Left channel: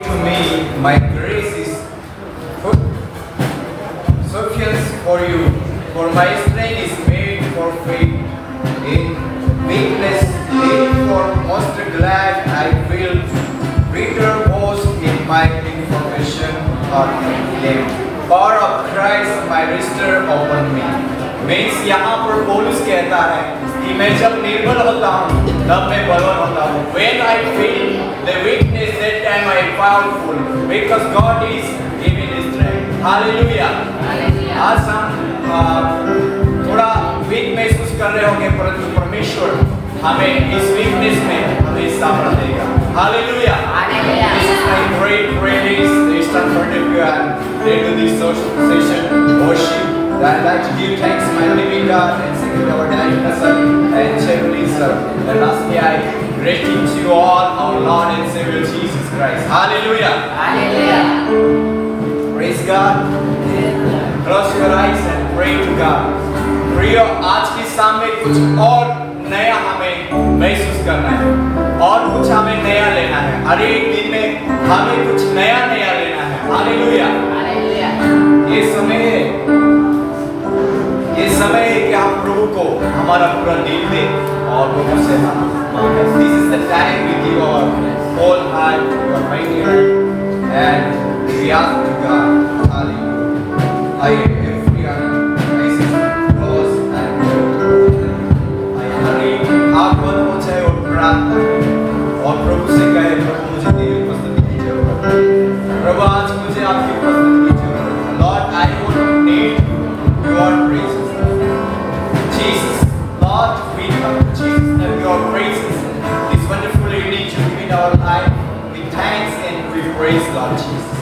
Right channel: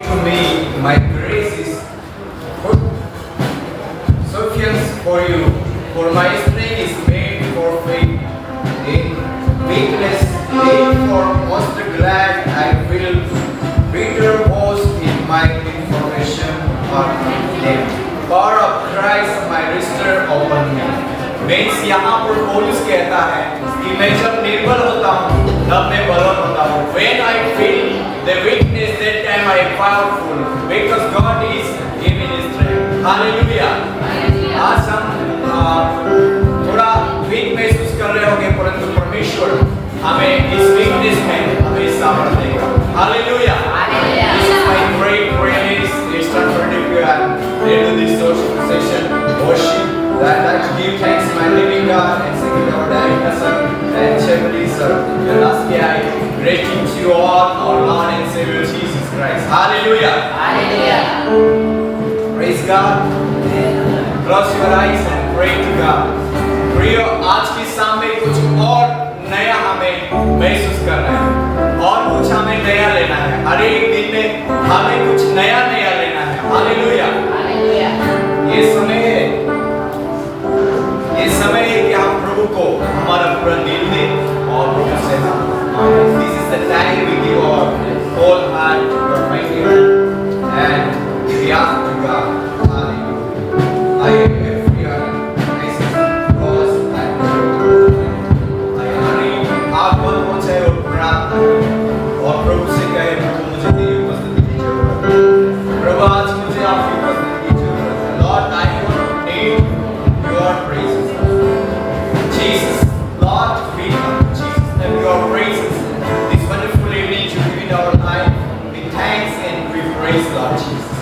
To me, my grace is sufficient for you, for my strength is made perfect in weakness. Therefore, most glad I will bitter boast in my information of them. Power of Christ, my restorer upon me. Means यहाँ पर पौलुस कहता है कि मैं जब निर्बल होता हूँ तब मैं बलवान होता हूँ. When I feel the weakness, that time I am powerful because God is giving His strength. Hallelujah. आज हम थोड़ा वीक महसूस कर रहे होंगे परंतु परमेश्वर हमें इस वीकनेस में हमें सामर्थ्य देगा. Hallelujah. This is my great praise. Eastern Perdippia and later this social session worship. I'd like to give thanks to my living God and second our Director sir and Chevrolet sir. And lastly, I greeting to you all our Lord and Savior Jesus Christ. Hallelujah. Hallelujah. Praise God. Close your eyes and pray to God. प्रिय आज की शाम में कुछ और नया हमें महसूस करना है और कुछ हमें नया लेना है. हर एक दिन में हमें कुछ नया नया लेना है. हालेलुया. ये समय है कि हम प्रभु को हमारा पूरा दिल दें और प्रभु से हम मांगे. This is the time we give our whole heart to our mighty hand and we ask to God. Hallelujah. I every आप बोल पहुंचे और प्रार्थना और प्रभु से कहे प्रभु मुझे तेरी उपस्थिति की जरूरत है. प्रभु आज मुझे आपकी उपस्थिति की जरूरत है. Lord, I want need your praises. Jesus, Lord, we come to Jesus name your praises. This wonderful evening to give in our life with thanks and with praise, Lord Jesus.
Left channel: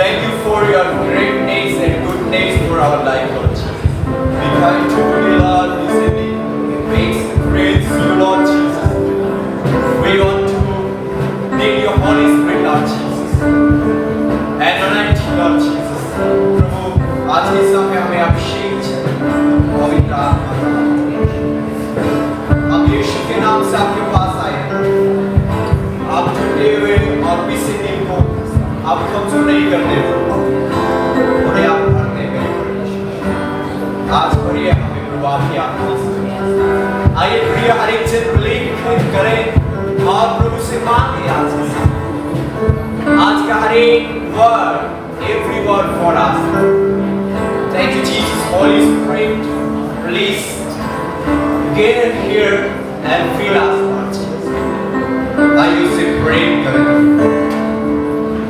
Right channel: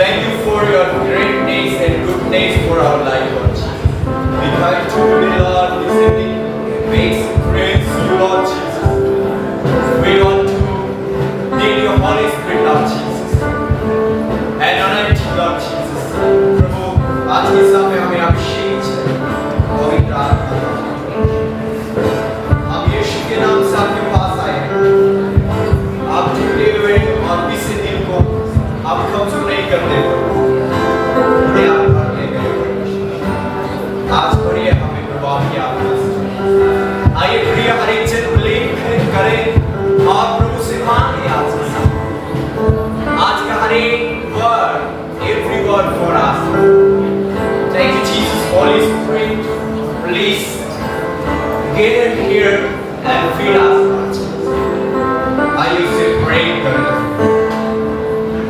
Thank you for your greatness and goodness for our life, Lord Jesus. We come to you, Lord, this evening. Praise you, Lord Jesus. We want to need your Holy Spirit, Lord Jesus. And anoint you, Lord Jesus. प्रभु आज के समय हमें अभिषेक चाहिए. पवित्र आत्मा का हम यीशु के नाम से आपके पास आए हैं. आप टूटे हुए और बिसे दिल को आप कमजोर नहीं करते उन्हें आप भरने में परमेश्वर. आज भरिए हमें प्रभु आपकी आत्मा से. आइए प्रिय हर एक जन बिलीव करें और प्रभु से मांगे आज का हर एक word, every word for us. Thank you, Jesus. Holy Spirit, please get here and fill us, Lord Jesus. आइए उसे pray करें.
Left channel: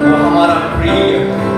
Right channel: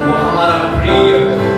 वो हमारा प्रिय है.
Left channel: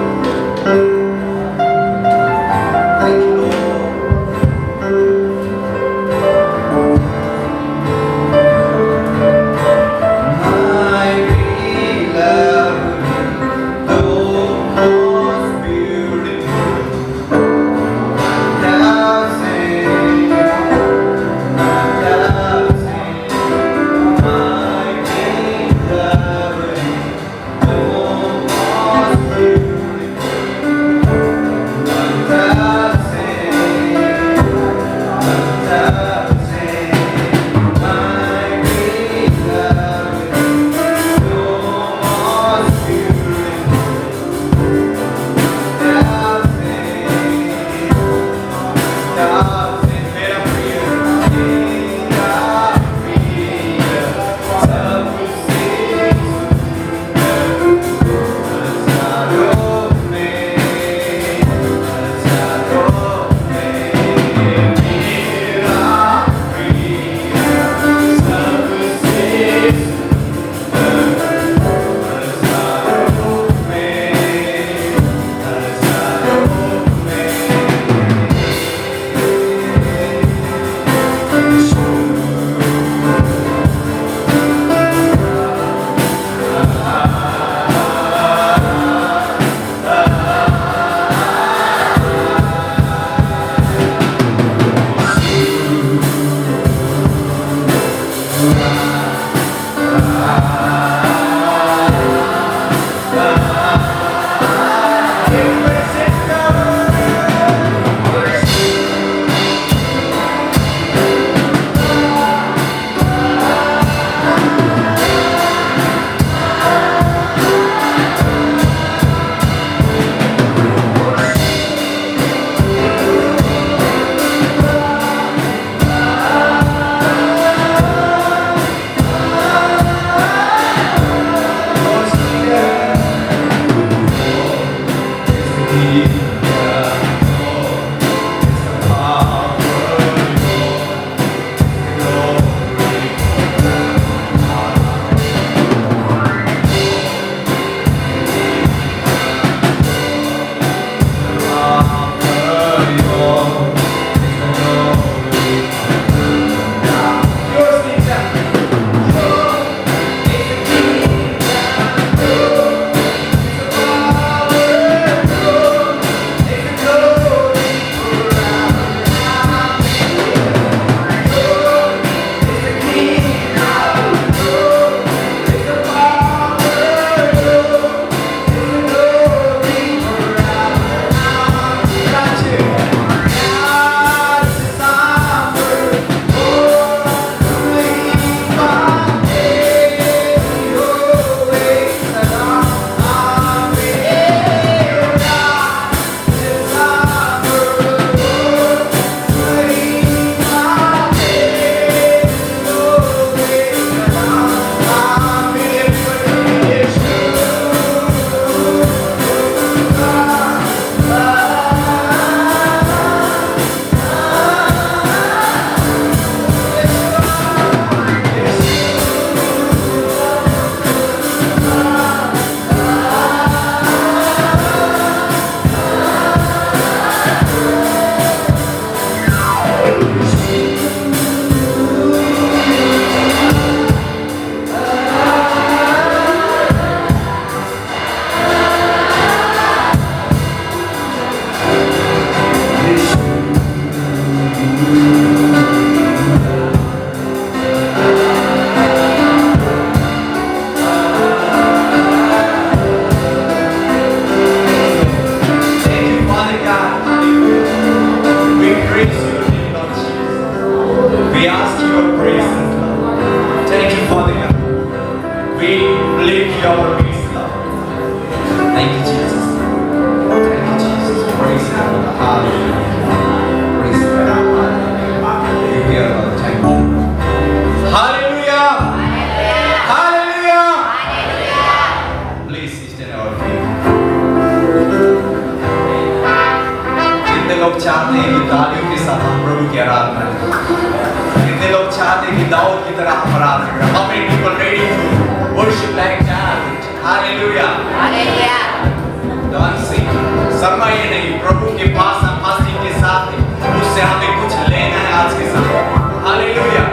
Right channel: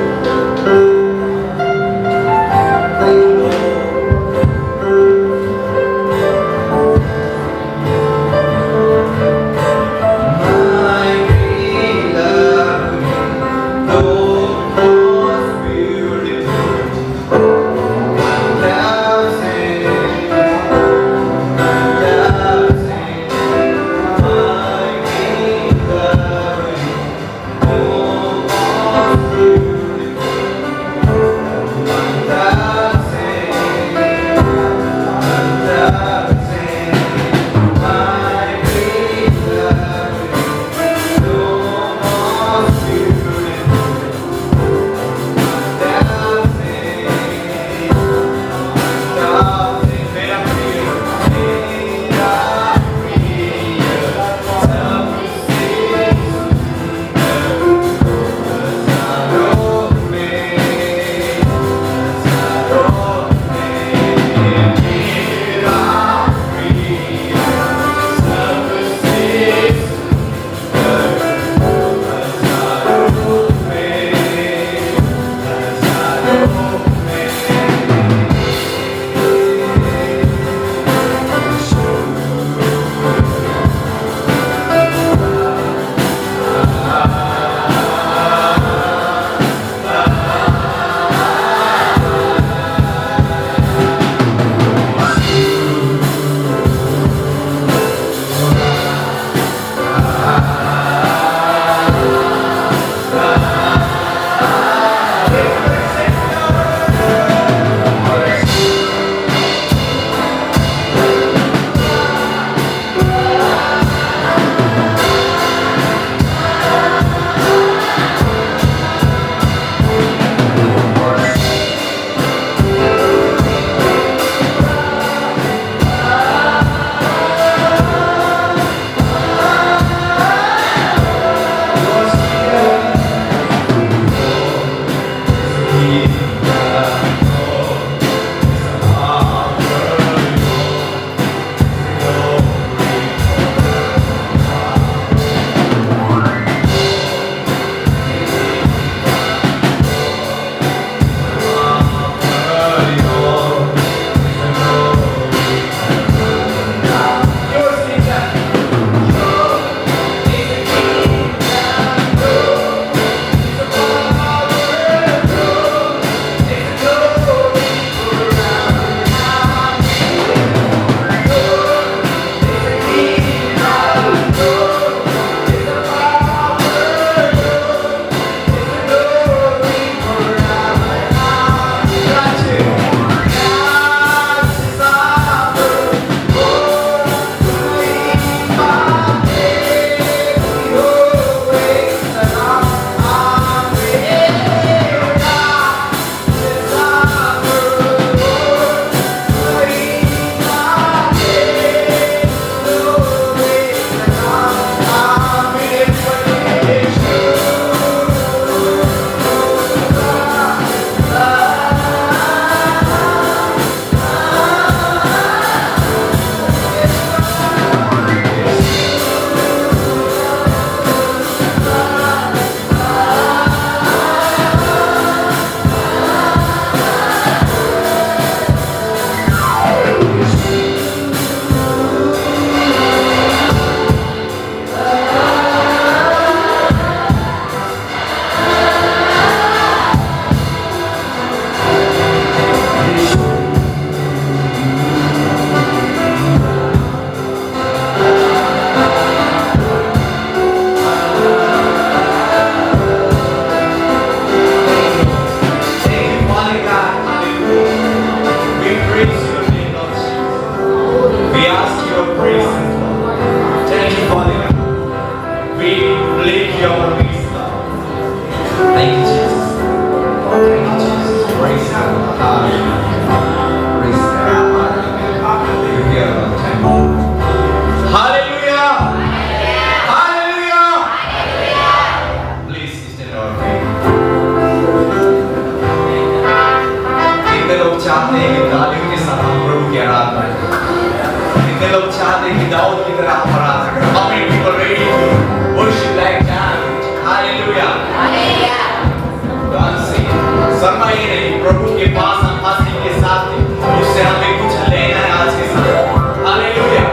in our faith. कितने लोग चाहते हैं कि तालियों के साथ हम प्रभु की आराधना करें? कितने लोग चाहते हैं कि दाऊद की तरह हम आराधना करें? How many people ready to worship like that? Hallelujah. Dancing. शर्माइए नहीं, प्रभु के पास हम हंसी के साथ हैं, उससे हमें कुछ लेना है आज के समय। Hallelujah.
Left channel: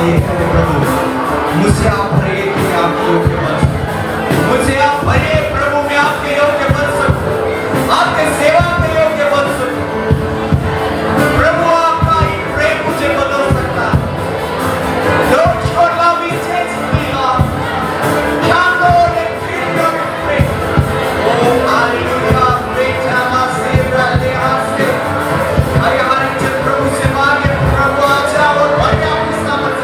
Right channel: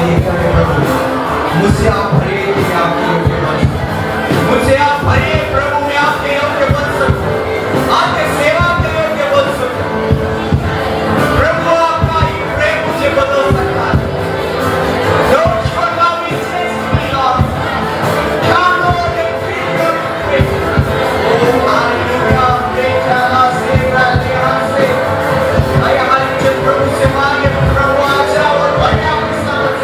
ये करे प्रभु, मुझसे आप भरिए कि मैं आपके योग्य बन सकूं। मुझसे आप भरिए प्रभु, मैं आपके योग्य बन सकूं, आपके सेवा के योग्य बन सकूं। प्रभु आपका ही प्रेम मुझे बदल सकता है। Don't you allow me to change me, Lord. Come Lord and fill your grace. Oh hallelujah, बेटा से राजा से हमारे प्रभु से मांगे प्रभु आ जाओ और बड़ा विश्वास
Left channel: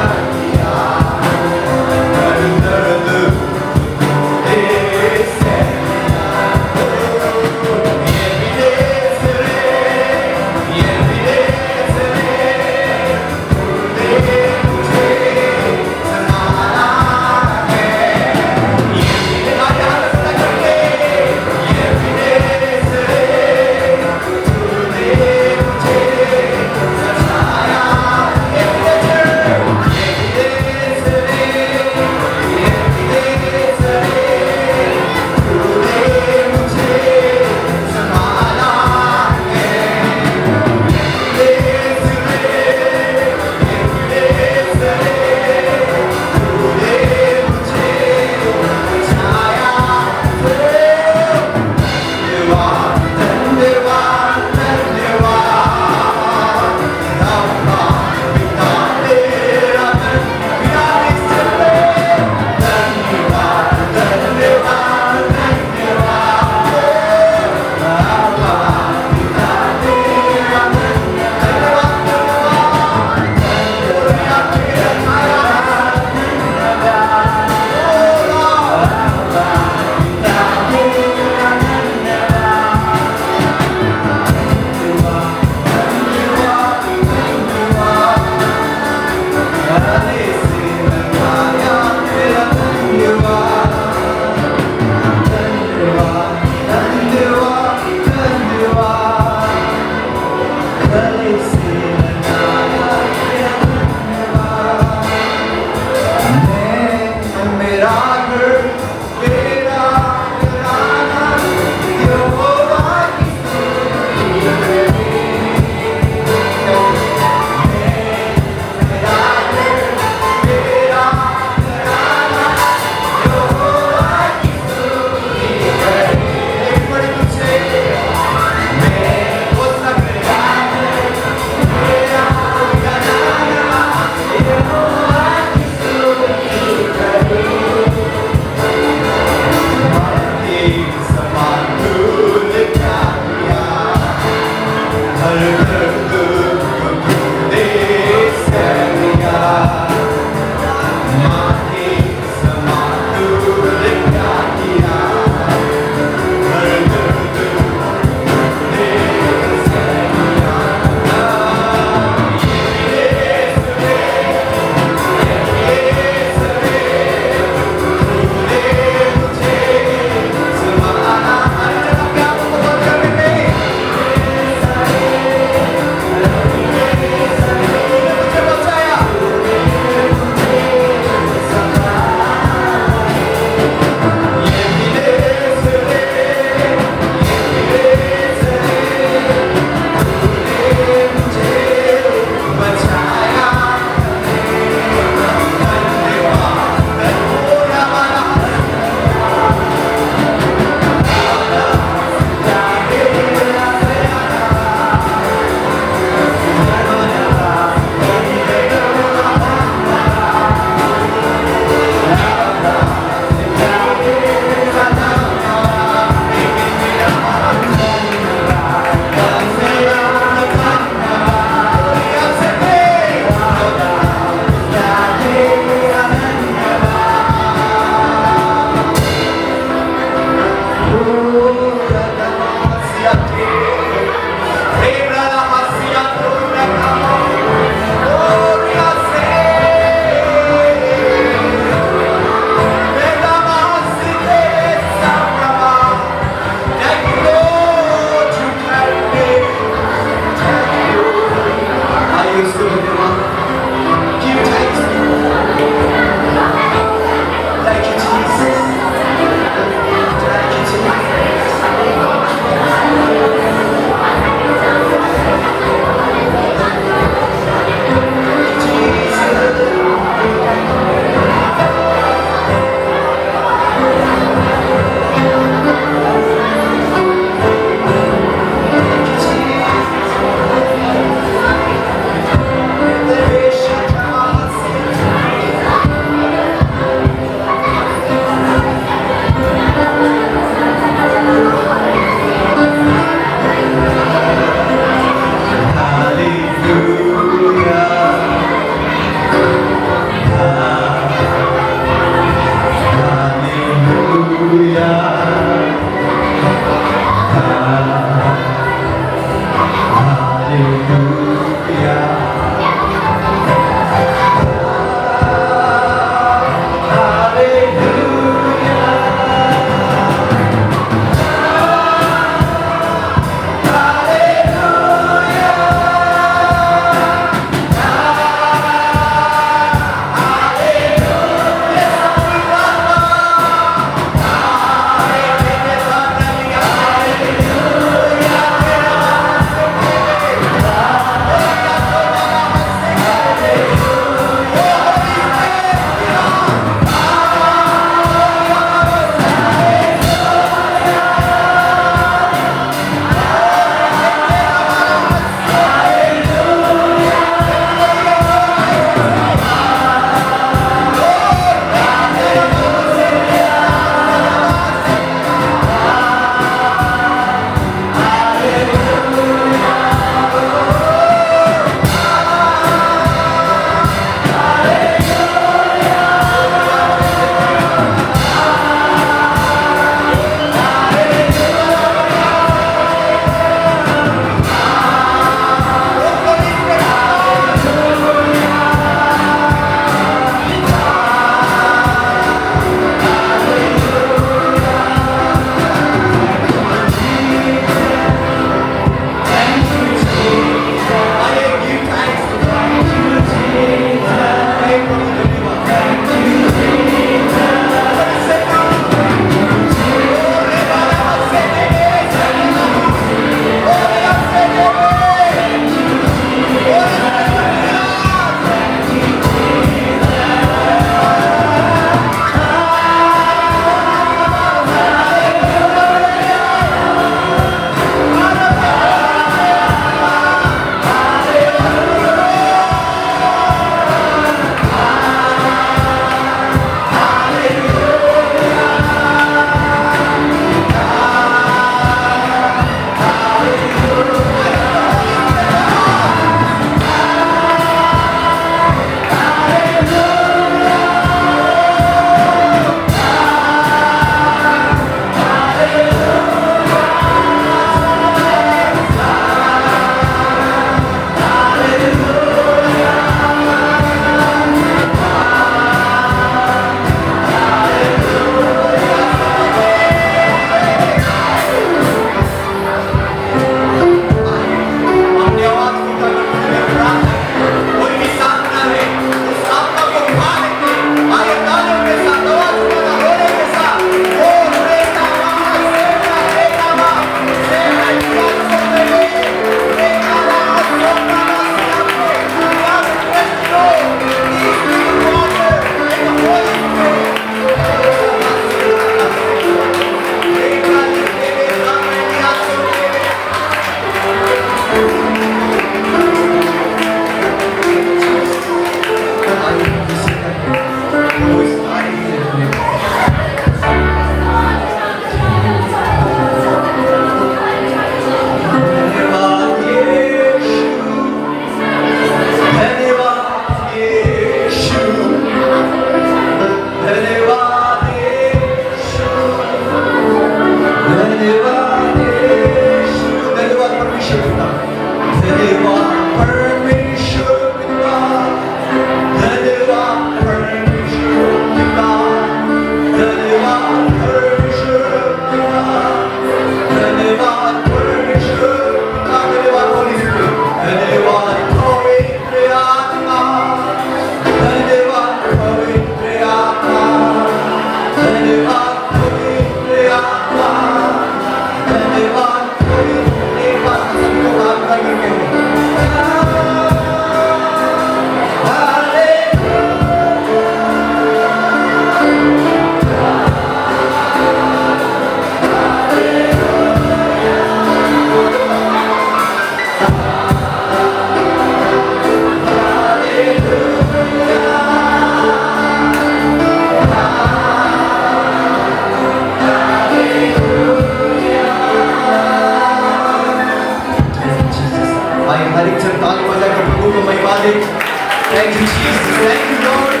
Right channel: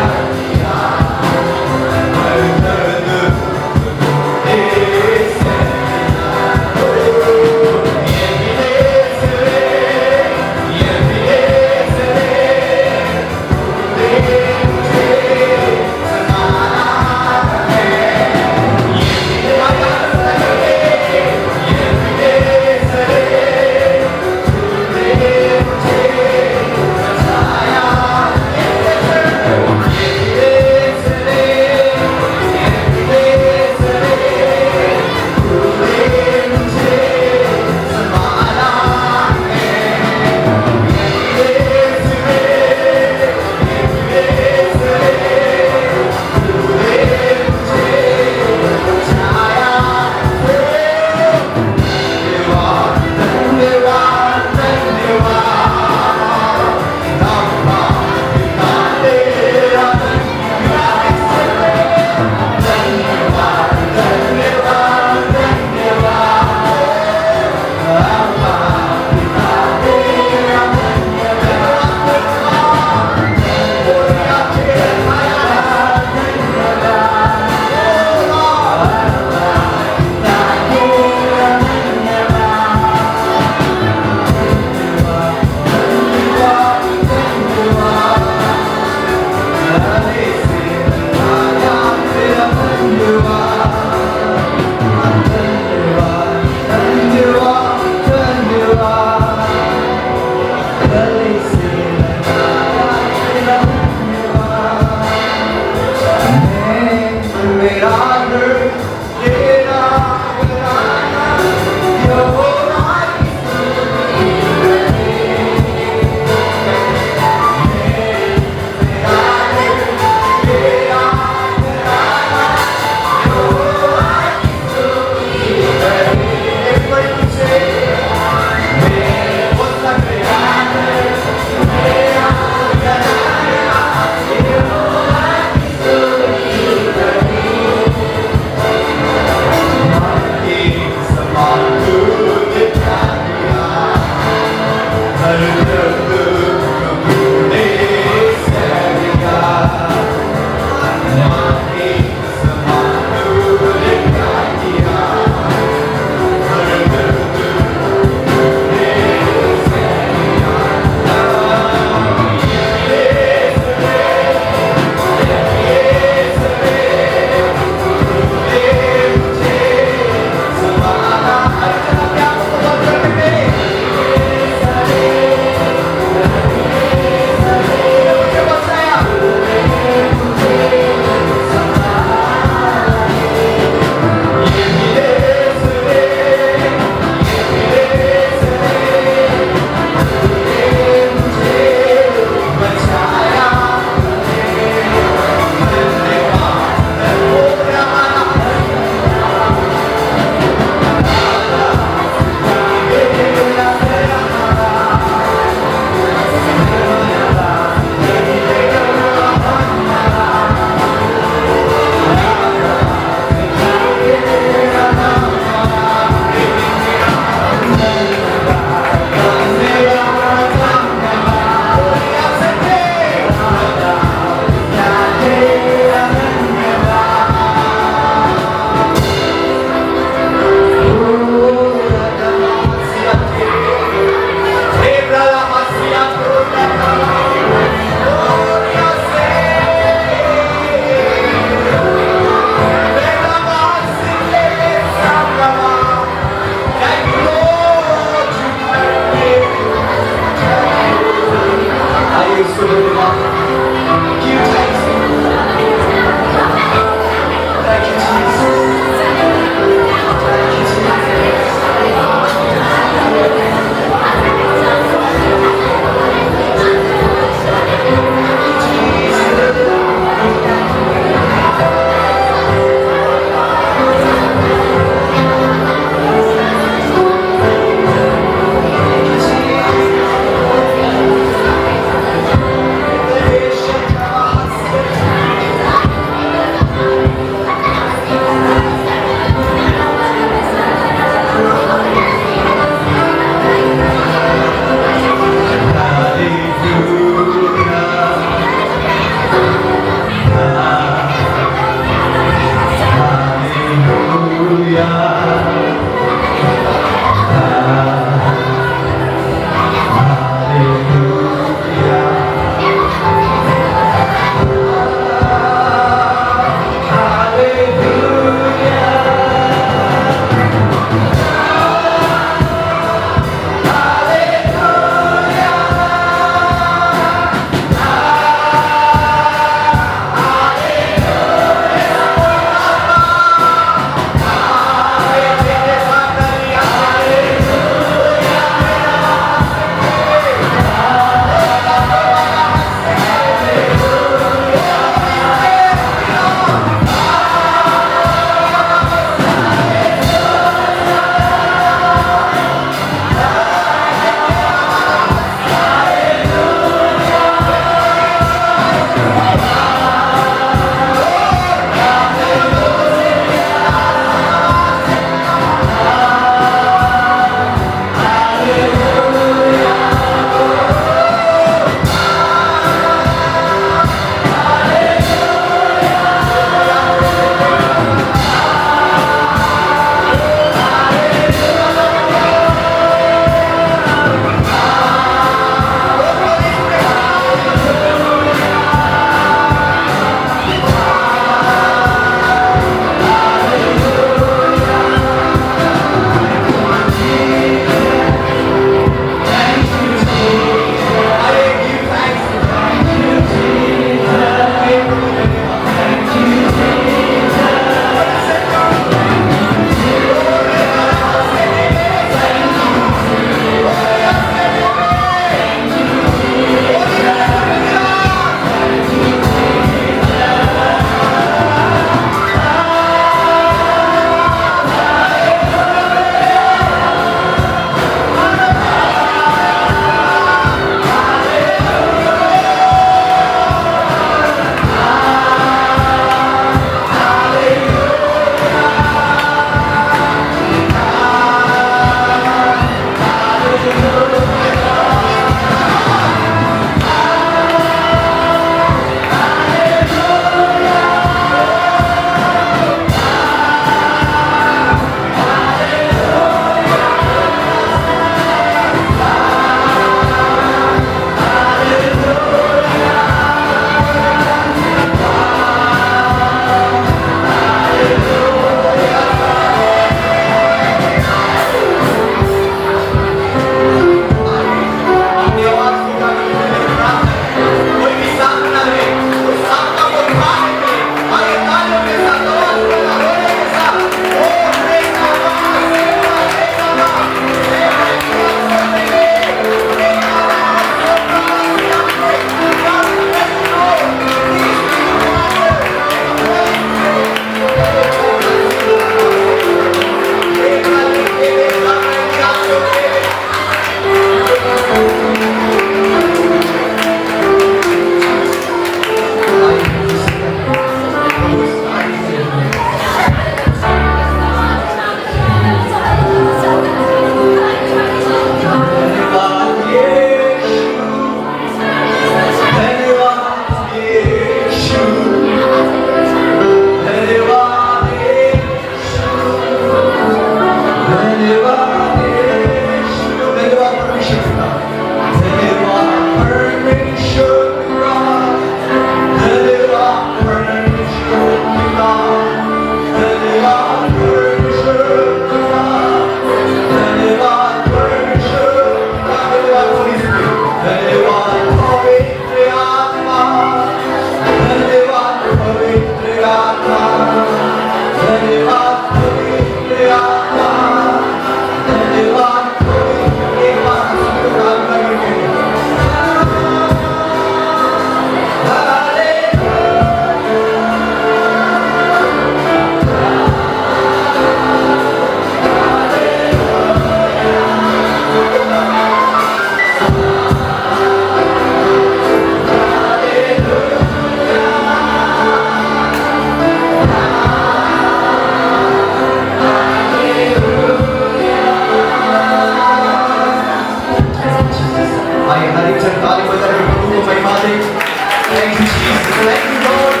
Thank you, Jesus. Thank you, Lord,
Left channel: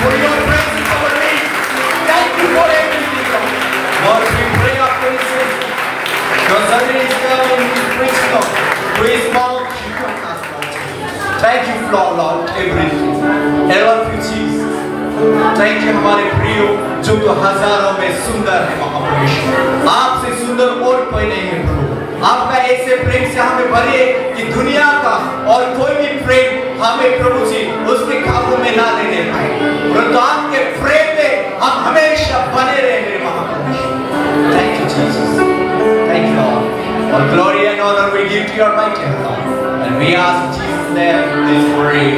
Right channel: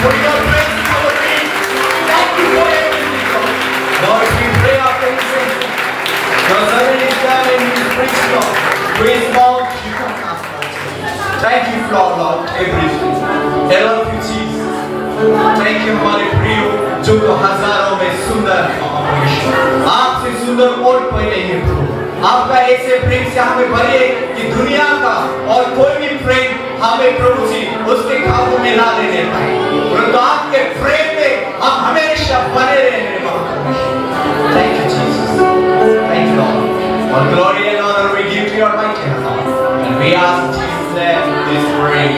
for your grace and for me. Thank you for everything, Lord. you all about everything. I love you, Jesus. Thank you हमारे प्रिय जो तो हजारों में सुंदर है महापुरुष। आपसे सुंदर और कोई नहीं है प्रभु। आपका ऐसे प्रेम से हमें भरिए कि दुनिया का और कोई भी प्रेम हमें प्रभु जी उसके काबू में ना लेने पाए। तो आपके प्रेम में हम हमेशा बने रहेंगे महापुरुष। Thank you, Jesus. Thank you, Lord. All glory and honor we give to your mighty hand. And we ask in Jesus' name this prayer.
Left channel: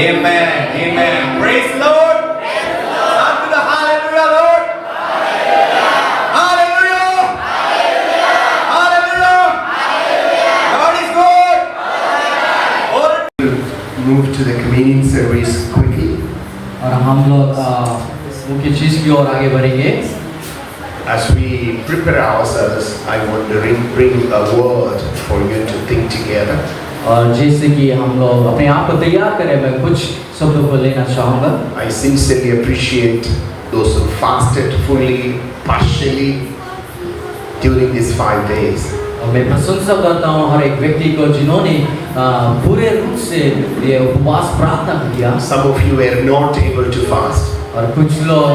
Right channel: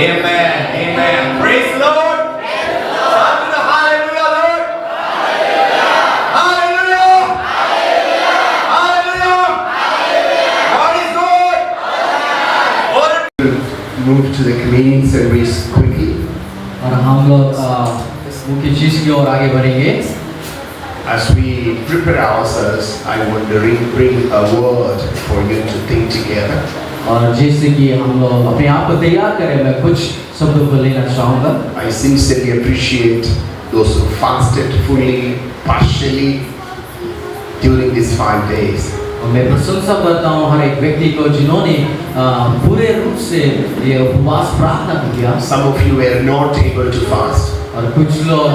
Amen. Amen. Praise the Lord. Hallelujah. Hallelujah, Lord. Hallelujah. Hallelujah. God is good. Move to the communion service quickly. और हम लोग मुख्य चीज की ओर आगे बढ़ेंगे। As we prepare ourselves, I want to bring a word for you to think together. और जैसे कि हम लोग अपने आप को तैयार करें, मैं कुछ शब्दों को लेना चाहूँगा। I sincerely appreciate those who fasted fully, partially during these 5 days. और मैं प्रशंसा करता हूँ हर एक व्यक्ति को जिन्होंने पूरे रूप से ये उपवास प्रार्थना किया। Some of you were not able to fast. और कुछ लोग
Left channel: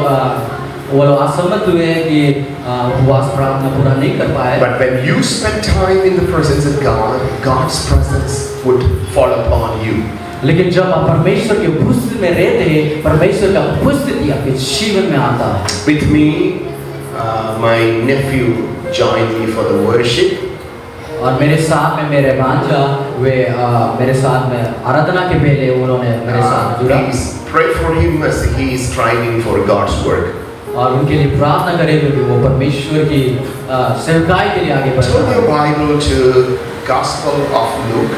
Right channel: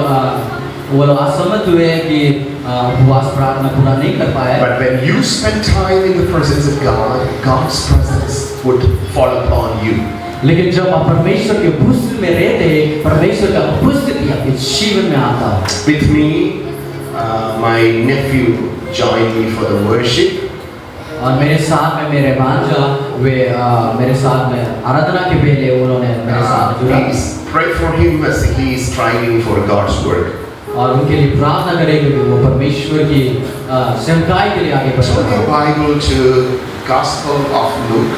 वो लोग असमर्थ हुए कि उपवास प्रार्थना पूरा नहीं कर पाए। But when you spend time in the presence of God, God's presence would fall upon you. लेकिन जब आप परमेश्वर के उपस्थिति में रहते हैं, परमेश्वर का उपस्थिति आपके जीवन में आता है। With me, my nephew joined me for the worship. और मेरे साथ में मेरे भांजा वे मेरे साथ में आराधना के पहले उन्होंने मेरे साथ जुड़ा। Please pray for him as he is striving for God's work. और उनके लिए प्रार्थना करेंगे कि वो परमेश्वर की सेवकाई के लिए आगे बढ़े। Turn your Bible to Gospel of Luke,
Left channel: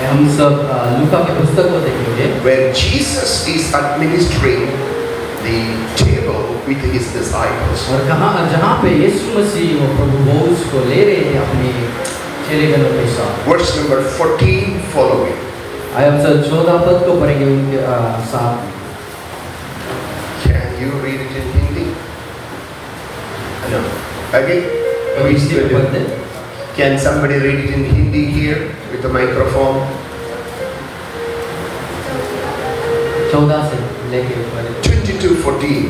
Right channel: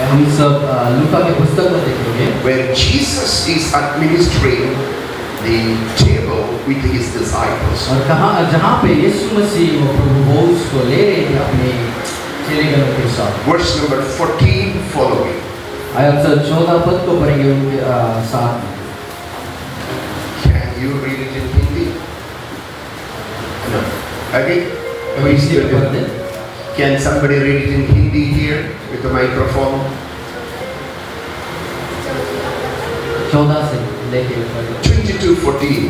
हम सब लूका के पुस्तक को देखेंगे, where Jesus is administering the table with his disciples. और जहाँ पे यीशु मसीह वो प्रभु भोज को ले रहे थे अपने चेलेगणों के साथ। Verse number 14 following. आयत 14 पद को पढ़ेंगे उनके साथ। Can you read it in Hindi? No. Okay. कभी इसी पे पढ़ दे। Can somebody read it in Hindi here with the microphone? 14 से लेके 22:14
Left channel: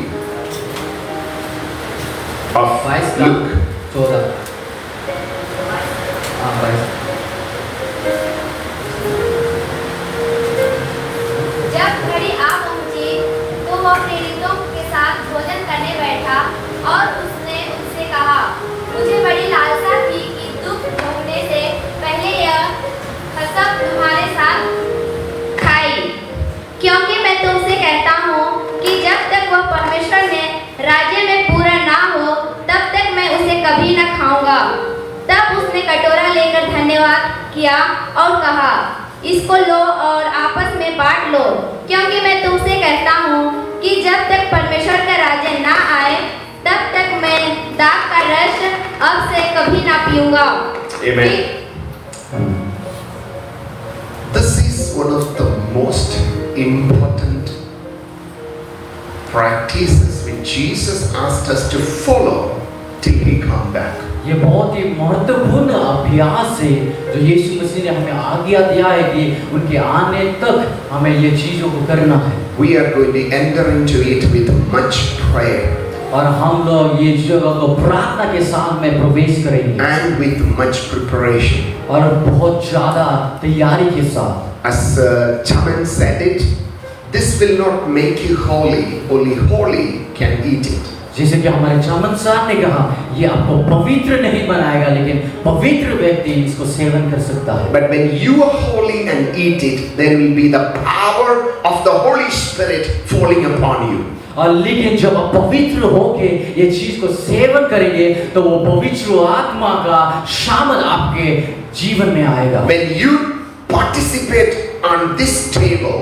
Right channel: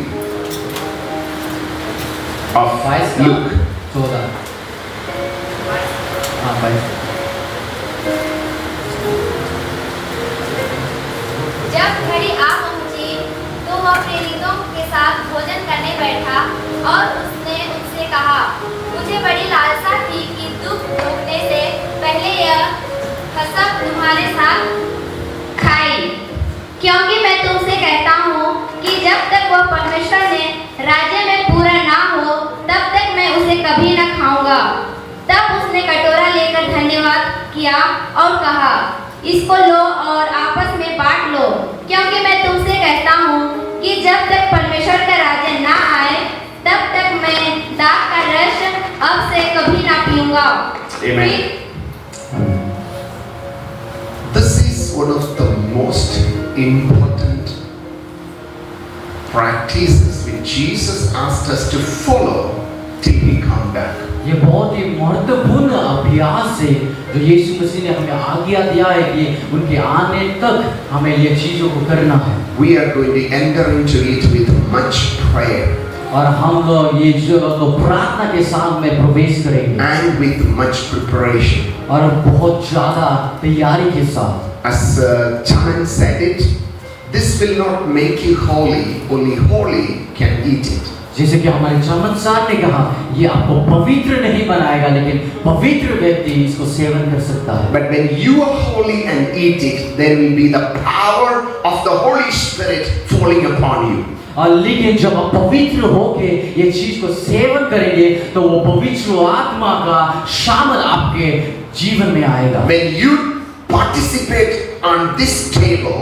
of 22 का Luke. 14। हाँ 22। जब घड़ी आ पहुंची तो वह प्रेरितों के साथ भोजन करने बैठा और उसने उनसे कहा, मुझे बड़ी लालसा थी कि दुख भोगने से पहले यह कसम तुम्हारे साथ खाई, क्योंकि मैं तुमसे कहता हूँ कि जब तक वह परमेश्वर ने राज्य में पूरा ना हो तब तक मैं उसे कभी न खाऊंगा। तब उसने कटोरा लेकर धन्यवाद किया और कहा, इसको लो और आपस में बांट लो, क्योंकि मैं तुमसे कहता हूँ कि जब तक परमेश्वर का राज्य ना आए तब तक मैं दाख का रस अब से कभी ना पीऊंगा। Amen. This is one of the most important practices which Jesus asked us to follow till he come back. ये बहुत ही महत्वपूर्ण अभ्यास है जो यीशु मसीह ने हमें आज्ञा दिया है कि उनके आने तक हमें ये चीजों को करना है। We are going to enter into it with much prayer और हम लोग ये जगह को प्रार्थना के साथ में प्रवेश करेंगे and with much preparation. और बहुत ज्यादा तैयारी के साथ। As Chaman said it, this will not make you holy, only holy can eat it. जैसे कि हमारे चमन साहब ने कहा, ये आपको पवित्र नहीं बनाएगा, लेकिन पवित्र व्यक्ति इसको सेवन कर सकता है। But when you are holy and eat it, there will be the power of the Holy Spirit falling upon you. और लेकिन जब आप पवित्र होके ये चीज को सेवन करेंगे तो वो पवित्र आत्मा का शामिल आपके जीवन में आएगा। When you participate on this table,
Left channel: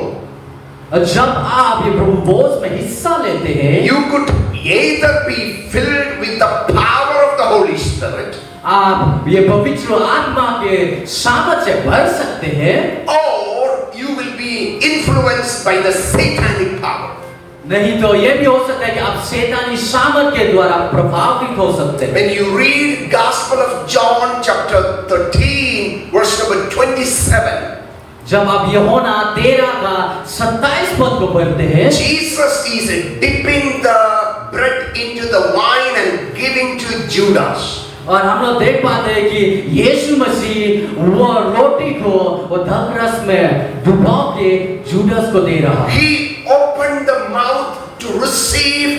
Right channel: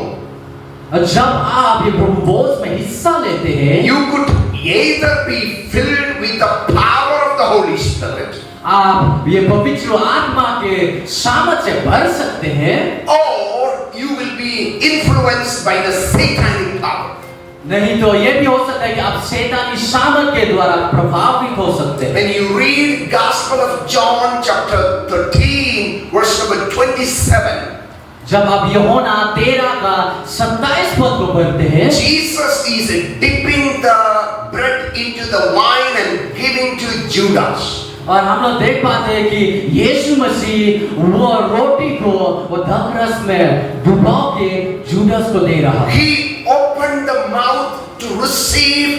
जब आप ये प्रभु भोज में हिस्सा लेते हैं, you could either be filled with the power of the Holy Spirit, आप ये पवित्र आत्मा के सामर्थ से भर सकते हैं, or you will be influenced by the satanic power. नहीं तो ये भी हो सकता है कि आप शैतानी सामर्थ के द्वारा प्रभावित हो सकते हैं। When you read Gospel of John chapter 13 verse number 27, जब आप यूहन्ना 13 का 27 पद को पढ़ते हैं, Jesus is dipping the bread into the wine and giving to Judas. और हम लोग देख पाते हैं कि यीशु मसीह वो रोटी को वो द्राक्षरस में डुबो के जुदास को दे रहा है। He opened the mouth to receive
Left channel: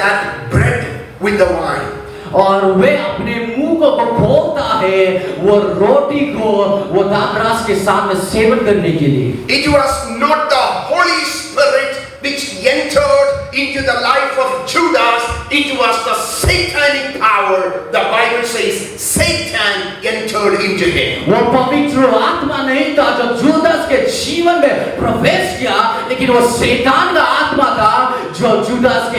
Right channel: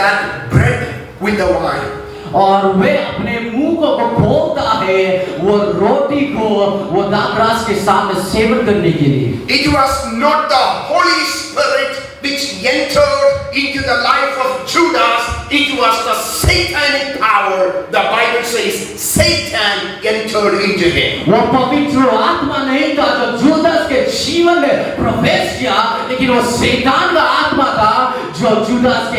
that bread with the wine. और वे अपने मुंह को खोलता है वो रोटी को वो द्राक्षरस के सामने सेवन करने के लिए। It was not the Holy Spirit which entered into the life of Judas. It was the satanic power. The Bible says Satan entered into him. वो पवित्र आत्मा नहीं था जो जुदास के जीवन में प्रवेश किया, लेकिन वो शैतान का आत्मा था जो जुदास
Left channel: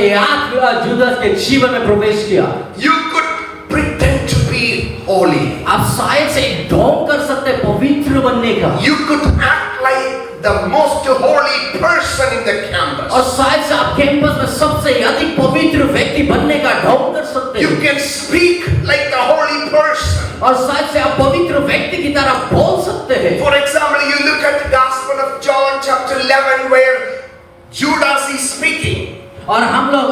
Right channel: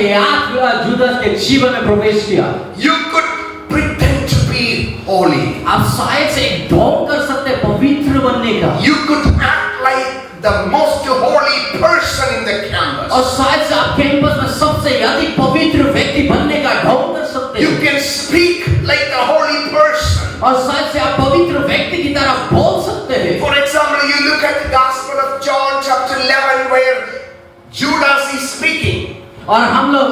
के जीवन में प्रवेश किया। You could pretend to be holy. आप शायद से ढोंग कर सकते पवित्र बनने का, You could act like the most holy person in the campus. और शायद से आप कैंपस में सबसे अधिक पवित्र व्यक्ति बनने का ढोंग कर सकते You हैं, can speak like the holy person. और शायद से आप पवित्र व्यक्ति की तरह बोल सकते हैं। For example, you look at the Gospel of John chapter 11 where Judas is speaking. और हम लोग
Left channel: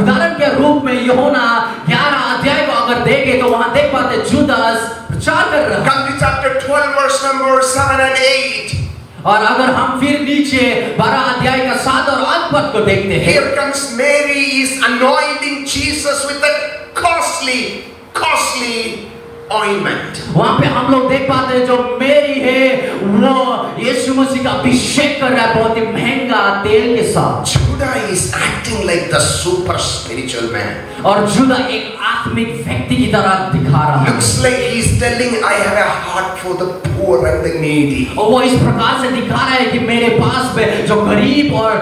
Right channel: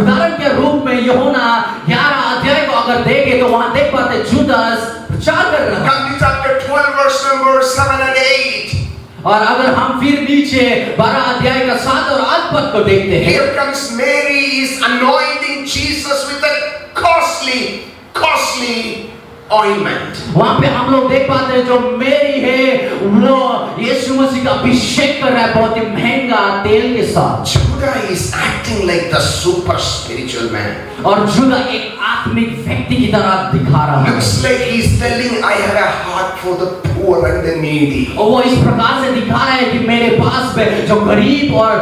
उदाहरण के रूप में यूहन्ना 11 अध्याय को अगर देखें तो वहां देख पाते जुदास प्रचार कर रहा है। Come to chapter 12 verse number 7 and 8. और अगर हम फिर नीचे 12 अध्याय का 7 और 8 पद को देखते हैं, Here comes Mary is anointing Jesus with a costly ointment. वहां पे हम लोग देख पाते हैं जो मेरी है वो यीशु मसीह का अभिषेक कर रहा है बहुत ही महंगा तेल के साथ। Judah is acting like the super spiritual man. और जुदा एक आत्मिक व्यक्ति की तरह दिखा रहा है। Looks like he's telling, I have a heart for the poor and the needy. और वो इस प्रकार से दिखा रहा है कि मेरे पास में जो गरीब और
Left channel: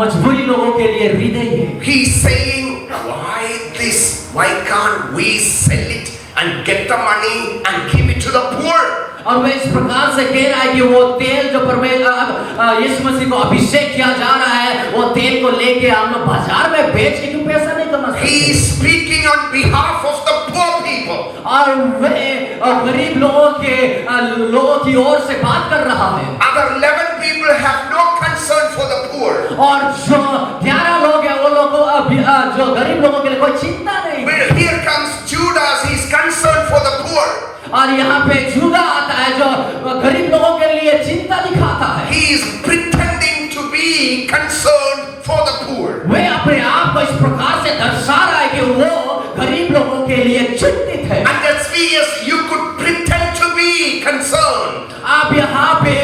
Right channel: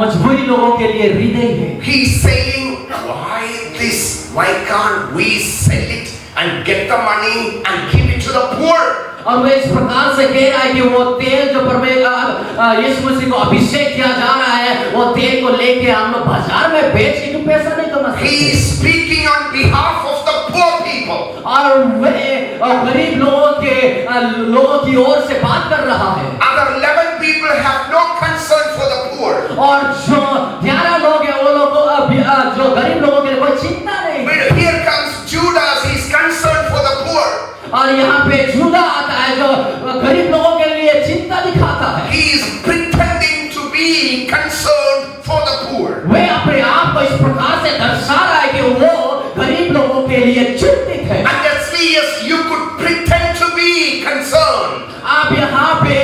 मजबूरी लोगों के लिए हृदय है। He's saying, why this? Why can't we sell it and get the money and give it to the poor? और वे इस प्रकार से कह रहा है कि वो तेल जो परमेश्वर यीशु मसीह को अभिषेक किया जा रहा है, वो तेल को लेके हम लोग बाजार में बेच के क्यों पैसा नहीं कमा सकते? He is speaking on behalf of the poor people. और वे गरीब लोगों की ओर से बात कर रहा है। Other 11 people have no concern for the poor. और जो 11 लोग हैं वो लोगों जो गरीब लोगों के लिए कोई चिंता नहीं। But here comes Judas, he is concerned for the poor. और यहाँ पे जुदा आता है जो गरीब लोगों के लिए चिंता दिखाता है। He is pretending to be concerned for the poor. वे अपने आप को इस प्रकार से दर्शा रहा है कि वो गरीब लोगों के लिए चिंतित है। And that's yes, you could pretend to be concerned. आप यहाँ पे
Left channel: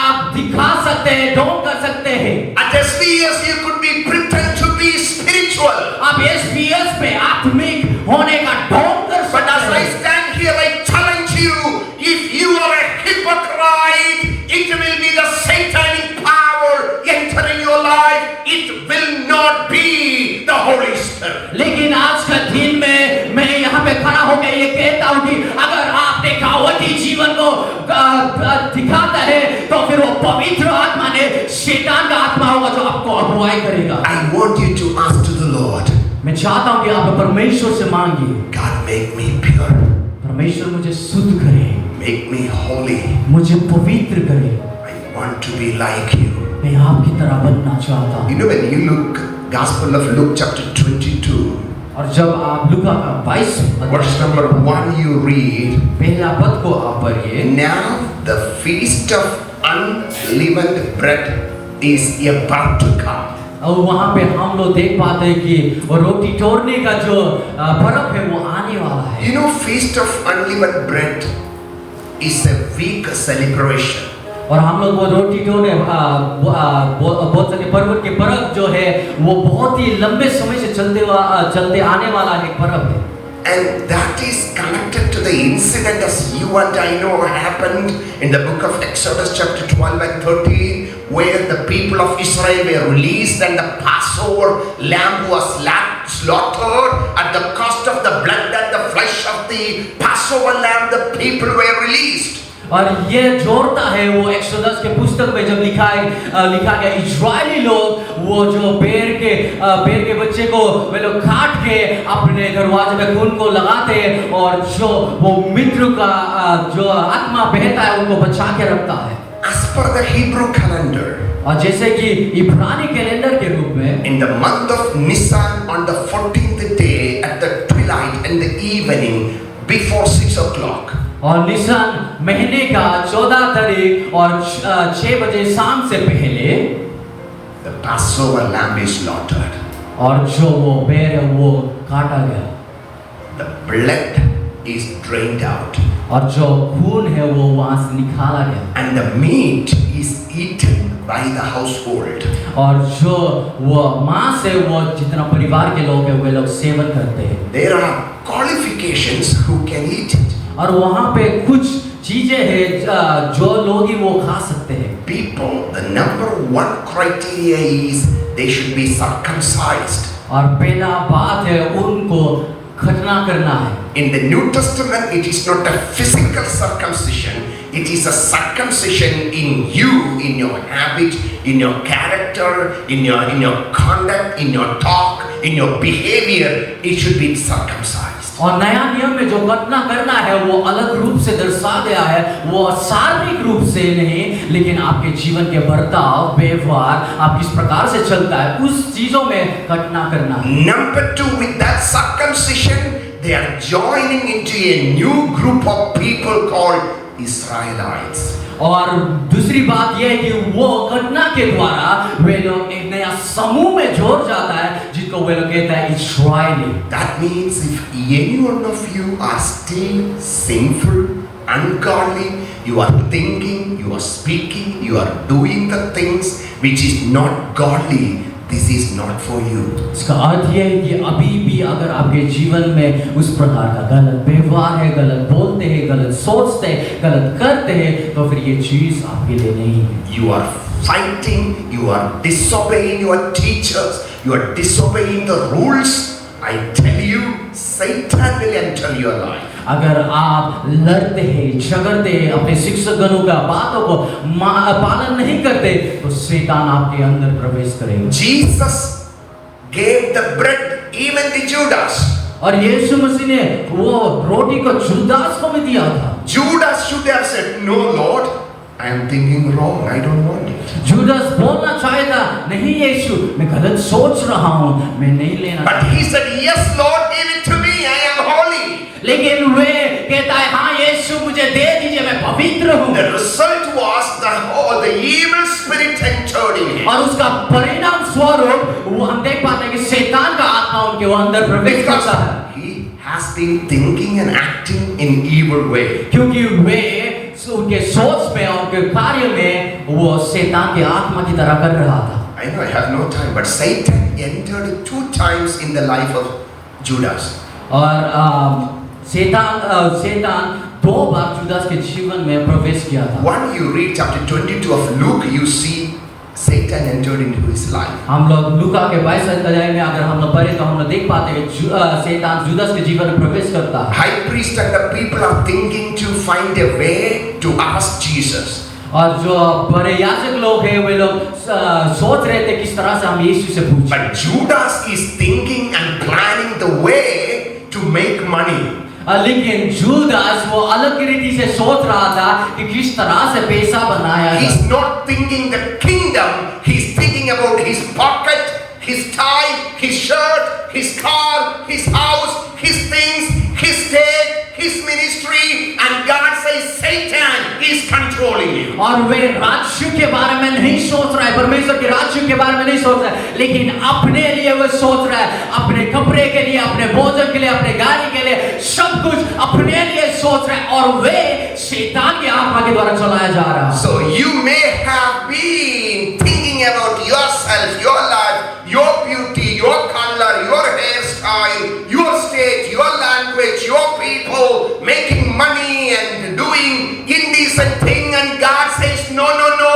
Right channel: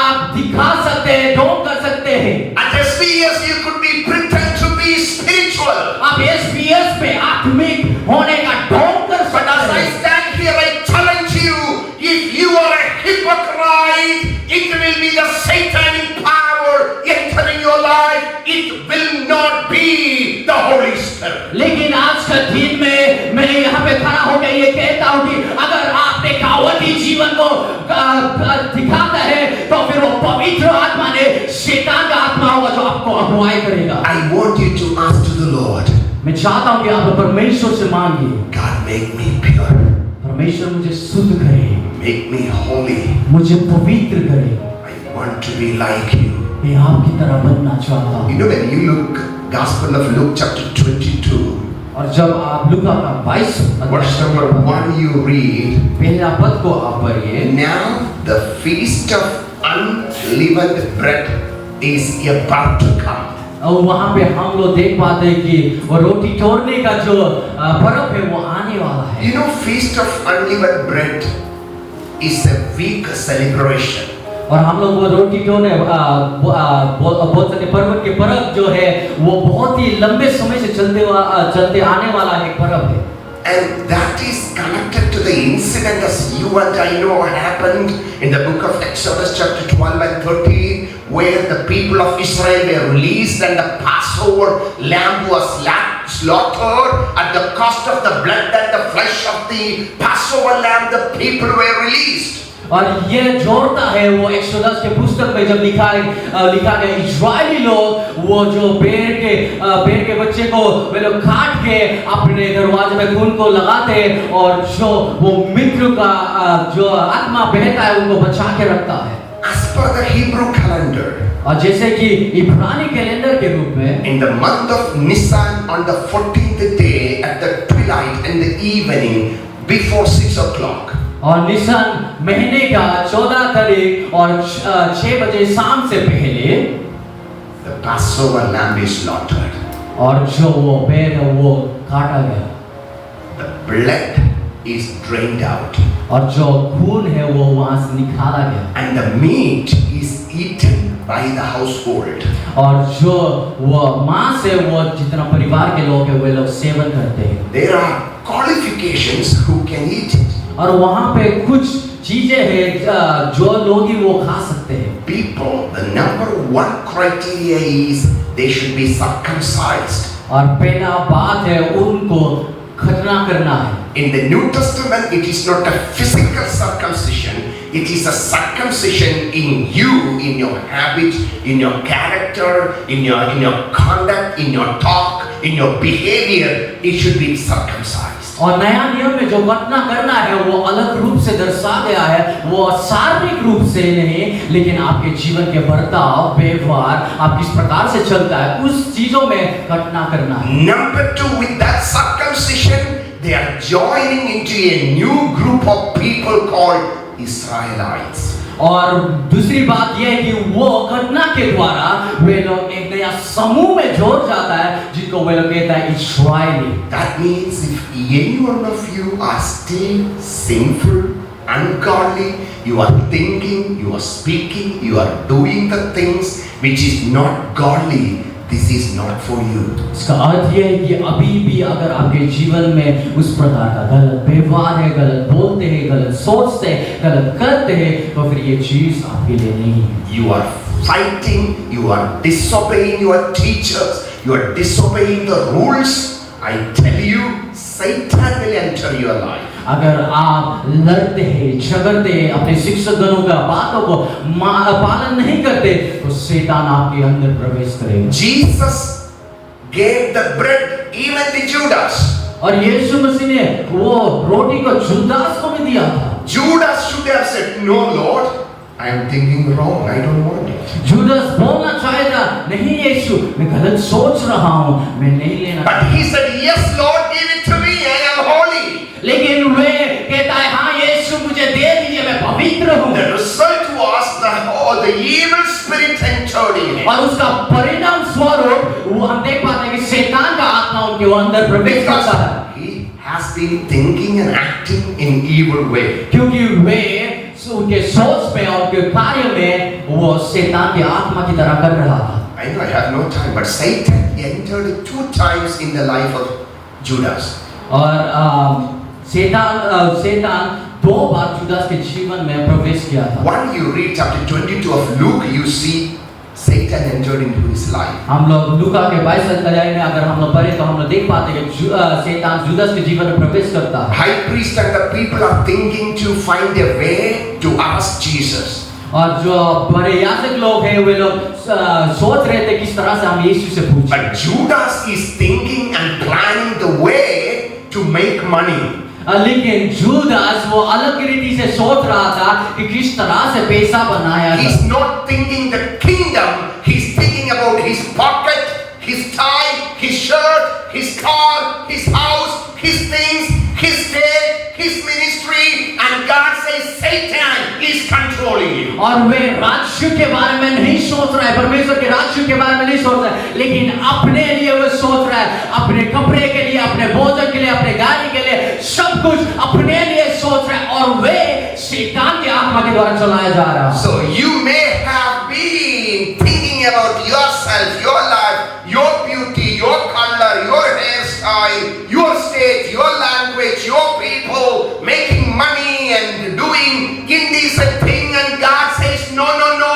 आप दिखा सकते हैं, ढोंग कर सकते हैं। At SBS, you could be pretend to be spiritual. आप SBS पे आत्मिक होने का ढोंग कर But as सकते I हैं। stand here, I challenge you, if you are a hypocrite, it will be the satanic power entering your life. It will not be the Holy Spirit. लेकिन आज का दिन में मैं यहाँ पे खड़ा होकर ये कहता हूँ कि अगर आप दिखावटी जीवन को दिखाता है तो फिर वो पवित्र आत्मा ने शैतान का आत्मा होगा जो आपको अगुवाई करेगा। I want you to ask to the Lord, मैं चाहता हूँ कि आप परमेश्वर से मांगिए, God, make me pure, परमेश्वर मुझे शुद्ध करे, make me holy. मुझे पवित्र करे, I want to be like you. मैं आपकी तरह बनना चाहता हूँ। You know, when you look, Gospel of Luke chapter 22, और जब आप लूका का 22 verse number 1, you read, पहला पद को आप पढ़िए। now the feast of unleavened bread is about to come. और वहाँ पे हम लोग देख पाते हैं कि वो रोटी तोड़ने का जो पर्व है वो आने वाला है। You know, feast of unleavened bread is a week celebration. और हम लोग वो रोटी तोड़ने बहुत सारे पर्व के पर्व जो है वो बहुत ही लंबे समय से चलते आने वाला एक पर्व है। And that is connected to the incident as you and I know happened in the book of Exodus chapter 12 and 13, where the people of Israel were released and the Passover lamb was slaughtered. At the cost of the blood and the flesh of the Passover lamb, the people were released. और ये जोड़ता है वो एक्सोडस के पुस्तक में जब लिखा गया इस्राएली लोग वो जो बेर के बच्चे को वे लोग काट के अपने दरवाजे में खून को लगाते और जो वो मित्र का जो आत्मा बहता है उनको बचा के रखता है। As per the Hebrew calendar, और जैसे कि इब्रानी कैलेंडर के रूप में in the month of Nisan on the 14th day at the twilight and the evening before 6 o'clock, और निसन महीने का 14 तारीख और 6 बजे शाम से पहले the Passover lamb is slaughtered. और जो वो बैल है वो काटा गया The blood is drained out, और जो खून है वो वहां से निकाला गया and the meat is eaten by the household. और जो वो मांस है वो जितना परिवार के लोग हैं वे लोग सेवन करते हैं There are qualifications who can eat it. और वहां पे कुछ चीजें हैं जो लोग ही वो खा सकते हैं People, the number one criteria is they should be circumcised. और पहला बात है उनको खतना करना है In the New Testament, it is not a physical circumcision, it is a circumcision in you, in your habit, in your character, in your conduct, in your talk, in your behavior. It should be circumcised. और नया नियम में जो खतना करना है वो अलग रूप से दर्शा गया है वो शारीरिक रूप से नहीं लेकिन आपके जीवन के बर्ताव व्यवहार आप किस प्रकार से चलता है उस चीजों में खतना करना है Number two, with that circumcision, they are joining into a new group of people called Israelites. और दूसरी बात यह है कि वो घटना के द्वारा वे लोग एक नया समूह में जोड़ जाता है जिसको वे लोग कहता है इस्राएली That means if any one of you are still sinful, ungodly, you are thinking, you are speaking, you are doing the things which is not godly, this is not for you. इसका अर्थ यह है कि अभी भी अगर आपके जीवन में उस प्रकार का गलत व्यवहार है गलत बोलते हैं गलत सोचते हैं गलत करते हैं तो फिर ये चीज आपके लिए नहीं है You are fighting, you are disobeying your teachers, you are disobeying the rules. I tell you, Satan will enter your life. अगर आप लड़ते हैं झगड़ते हैं अपने शिक्षकगणों का बातों को पालन नहीं करते तो शैतान आपके अंदर प्रवेश करेगा Jesus gave the bread even to Judas. और यीशु मसीह ने वो रोटी को जुदास को भी दिया था Judas should have said, "No, Lord, I am thinking wrong. I don't want it." Judas बोलना चाहे था नहीं यीशु मैं गलत सोच रहा हूँ मैं नहीं लेना But he said, "Yes, Lord, give it to me. I am holy." लेकिन वे कहता है हाँ यीशु मुझे दे दीजिए मैं पवित्र हूँ The result was that all the evil spirit entered in him. और उसका परिणाम स्वरूप वो हम देख पाते हैं कि शैतान का आत्मा उनके अंदर प्रवेश करता है Because he has been thinking and acting in evil way. क्योंकि वे उनके सोच में और उनके कार्य में वो शैतान की आत्मा की तरह कर रहा था I know I have no time, but Satan entered 2 times in the life of Judas. और शैतान 2 बार जुदास के जीवन में प्रवेश किया था When you read chapter 22 of Luke, you see Satan entered into his life. हम लोग लूका के 22 अध्याय में अगर हम लोग पढ़े तो हम लोग देख पाते हैं कि शैतान जुदास के जीवन में प्रवेश करता है High priest and the people are thinking to find a way to ask Jesus. और जो बड़े याजक लोग हैं वे लोग सोच रहे थे किस तरह से हम यीशु से पूछें But Judas is thinking and planning the way to make money. लेकिन जुदास वो अलग रीति से सोच रहा था कि किस तरह से पैसा बनाया He's जाए not thinking the kingdom, he's thinking about his pocket, his tie, his shirt, his car, his house, his things, his state, his ministry, and God says Satan is controlling you. और वे राज्य के बारे में नहीं सोच रहा है परमेश्वर के राज्य के बारे में नहीं सोच रहा है लेकिन अपने लिए वो सोच रहा है अपने कपड़े के लिए अपने भोजन के लिए अपने गाड़ी के लिए सब कुछ अपने लिए सोच रहा है और वे शैतान की आत्मा के द्वारा चलाया जा रहा है So you may have been thinking about yourself, your life, your beauty, your color, your hairstyle, your state, your language, your people, making money and doing indecent thing, and God says, no, no, no.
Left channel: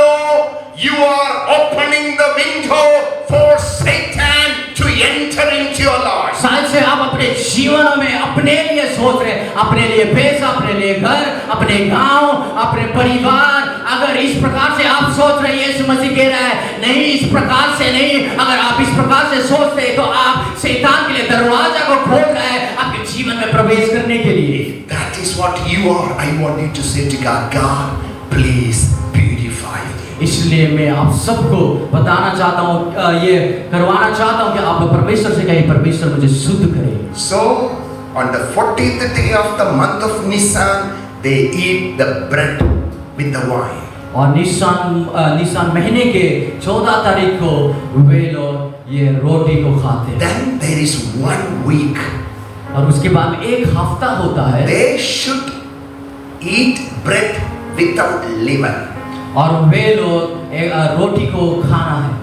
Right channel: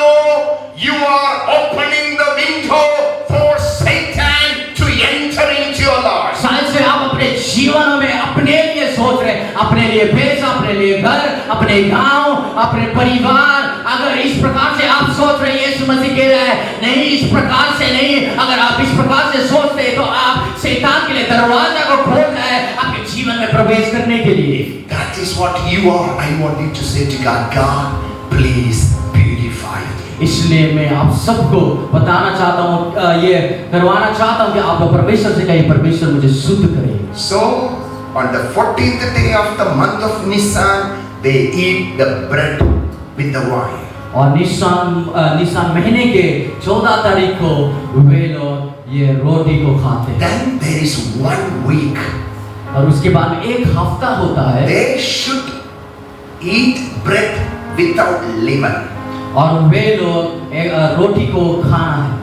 You are opening the window for Satan to enter into your life. शायद से आप अपने जीवन में अपने लिए सोच रहे हैं अपने लिए पैसा अपने लिए घर अपने गांव अपने परिवार अगर इस प्रकार से आप सोच रहे हैं यीशु मसीह कह रहा है नहीं इस प्रकार से नहीं अगर आप इस प्रकार से सोचते हैं तो आप शैतान के लिए दरवाजा को खोल रहे हैं आपके जीवन में प्रवेश करने के लिए That is what you are. I want you to say to God, God, please purify इसलिए मैं आप सबको बताना चाहता हूँ, ये करवाना चाहता हूँ कि आप लोग परमेश्वर से कहिए, परमेश्वर मुझे शुद्ध करे। So, on the 14th day of the month of Nisan, they eat the bread with the wine. और निसान महीने के 14 तारीख को वे लोग ये रोटी को खाते हैं। Then there is 1 week. और उसके बाद एक हफ्ता होता है। They should eat bread without leaven. और वे लोग रोटी को खाना है।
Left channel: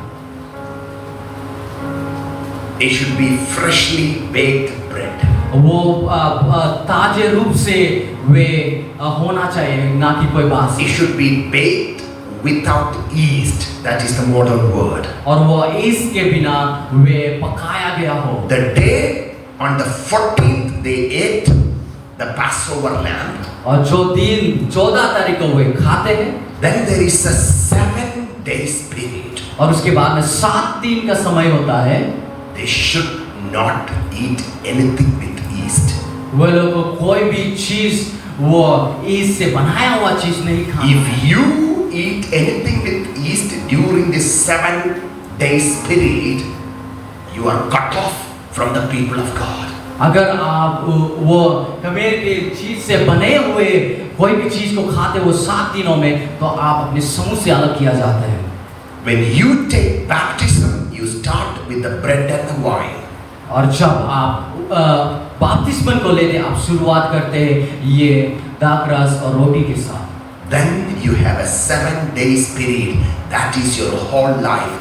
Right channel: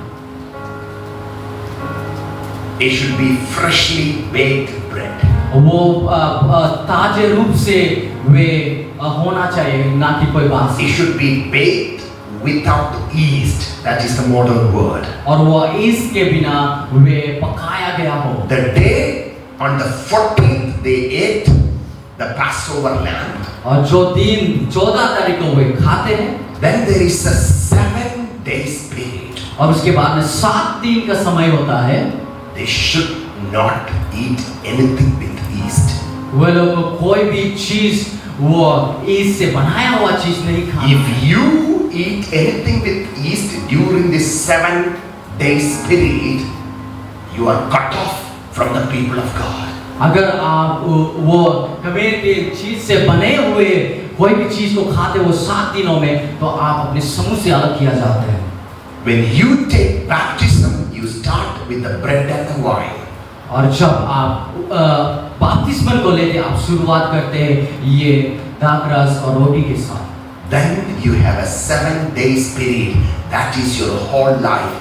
It should be freshly baked bread. वो ताजे रूप से वे होना चाहिए, ना कि कोई बासी। It should be baked without yeast. That is the modern word. और वो ईस्ट के बिना वे पकाया गया हो। The day on the 14th they ate the Passover lamb. और जो दिन 14 तारीख को वे खाते हैं। Then there is a 7 days period. और उसके बाद में 7 दिन का समय होता है। They should not eat anything with yeast. वे लोग कोई भी चीज वो ईस्ट से बनाया हुआ चीज नहीं खाना। If you eat anything with yeast during this 7 days period, you are cut off from the people of God. अगर आप वो कभी के चीज से बने हुए कोई भी चीज को खाते वो 7 दिनों में, तो आप अपने समूह से अलग किया जाते हैं। When you take baptism, you start with the bread and the wine. और जब आप बपतिस्मा को लेते आप शुरुआत करते हैं ये दाखरस और रोटी के साथ। Then you have a 7 days period. That is your whole life,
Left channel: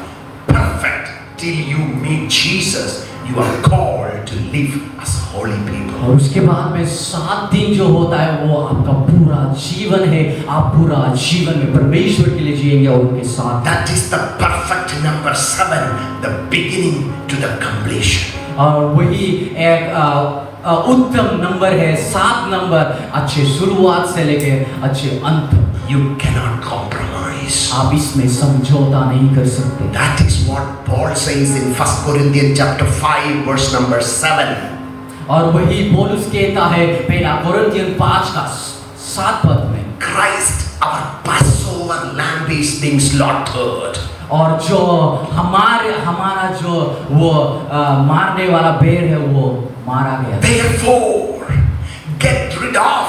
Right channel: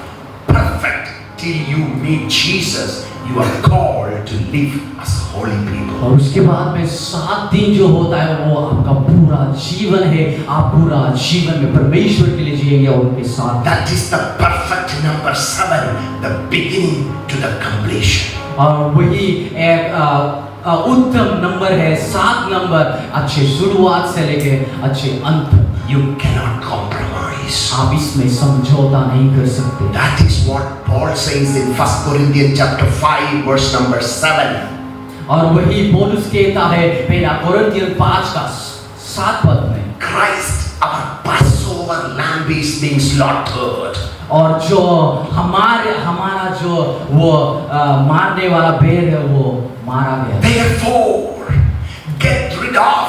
perfect till you meet Jesus. You are called to live as holy people. और उसके बाद में 7 दिन जो होता है वो आपका पूरा जीवन है। आप पूरा जीवन में परमेश्वर के लिए जिएंगे और उनके साथ। That is the perfect number 7, the beginning to the completion. और वही एक उत्तम नंबर है, 7 नंबर, अच्छे शुरुआत से लेके अच्छे अंत। You cannot compromise. आप इसमें समझौता नहीं कर सकते। That is what Paul says in 1 Corinthians chapter 5 verse number 7. और वही पौलुस कहता है पहला कोरिन्थियन 5 का 7 पद में, Christ, our Passover lamb is being slaughtered. और जो हमारा जो वो मारने वाला भेड़ है वो मारा गया। Therefore, get rid of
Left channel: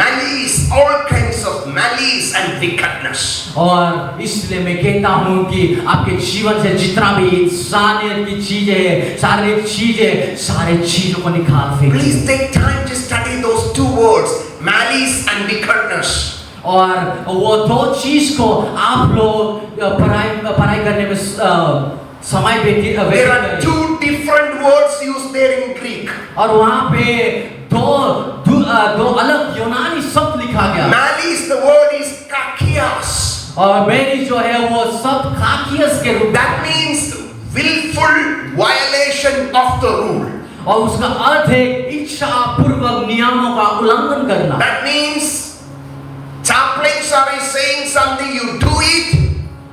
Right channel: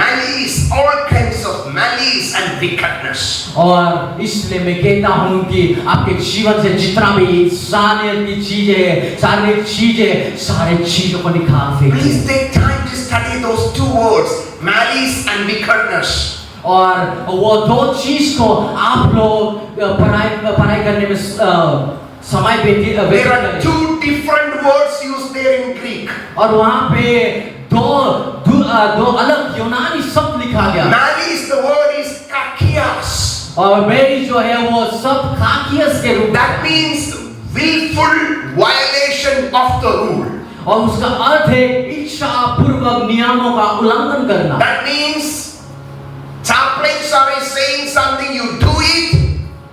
malice, all kinds of malice and wickedness. और इसलिए मैं कहता हूँ कि आपके जीवन से जितना भी इंसानियत की चीजें हैं, शारीरिक चीजें, सारे चीजों को निकाल फेंकिए। Please take time to study those 2 words, malice and wickedness. और वो 2 चीज को आप लोग पढ़ाई करने में समय There are 2 different words used there in Greek. और वहाँ पे दो अलग यूनानी शब्द लिखा गया। Malice, the word is kakias. और मेरी जो है वो शब्द काकियस के रूप। That means willful violation of the rule. और उसका अर्थ है इच्छा पूर्वक नियमों का उल्लंघन करना। That means chaplain somebody saying something, you do it,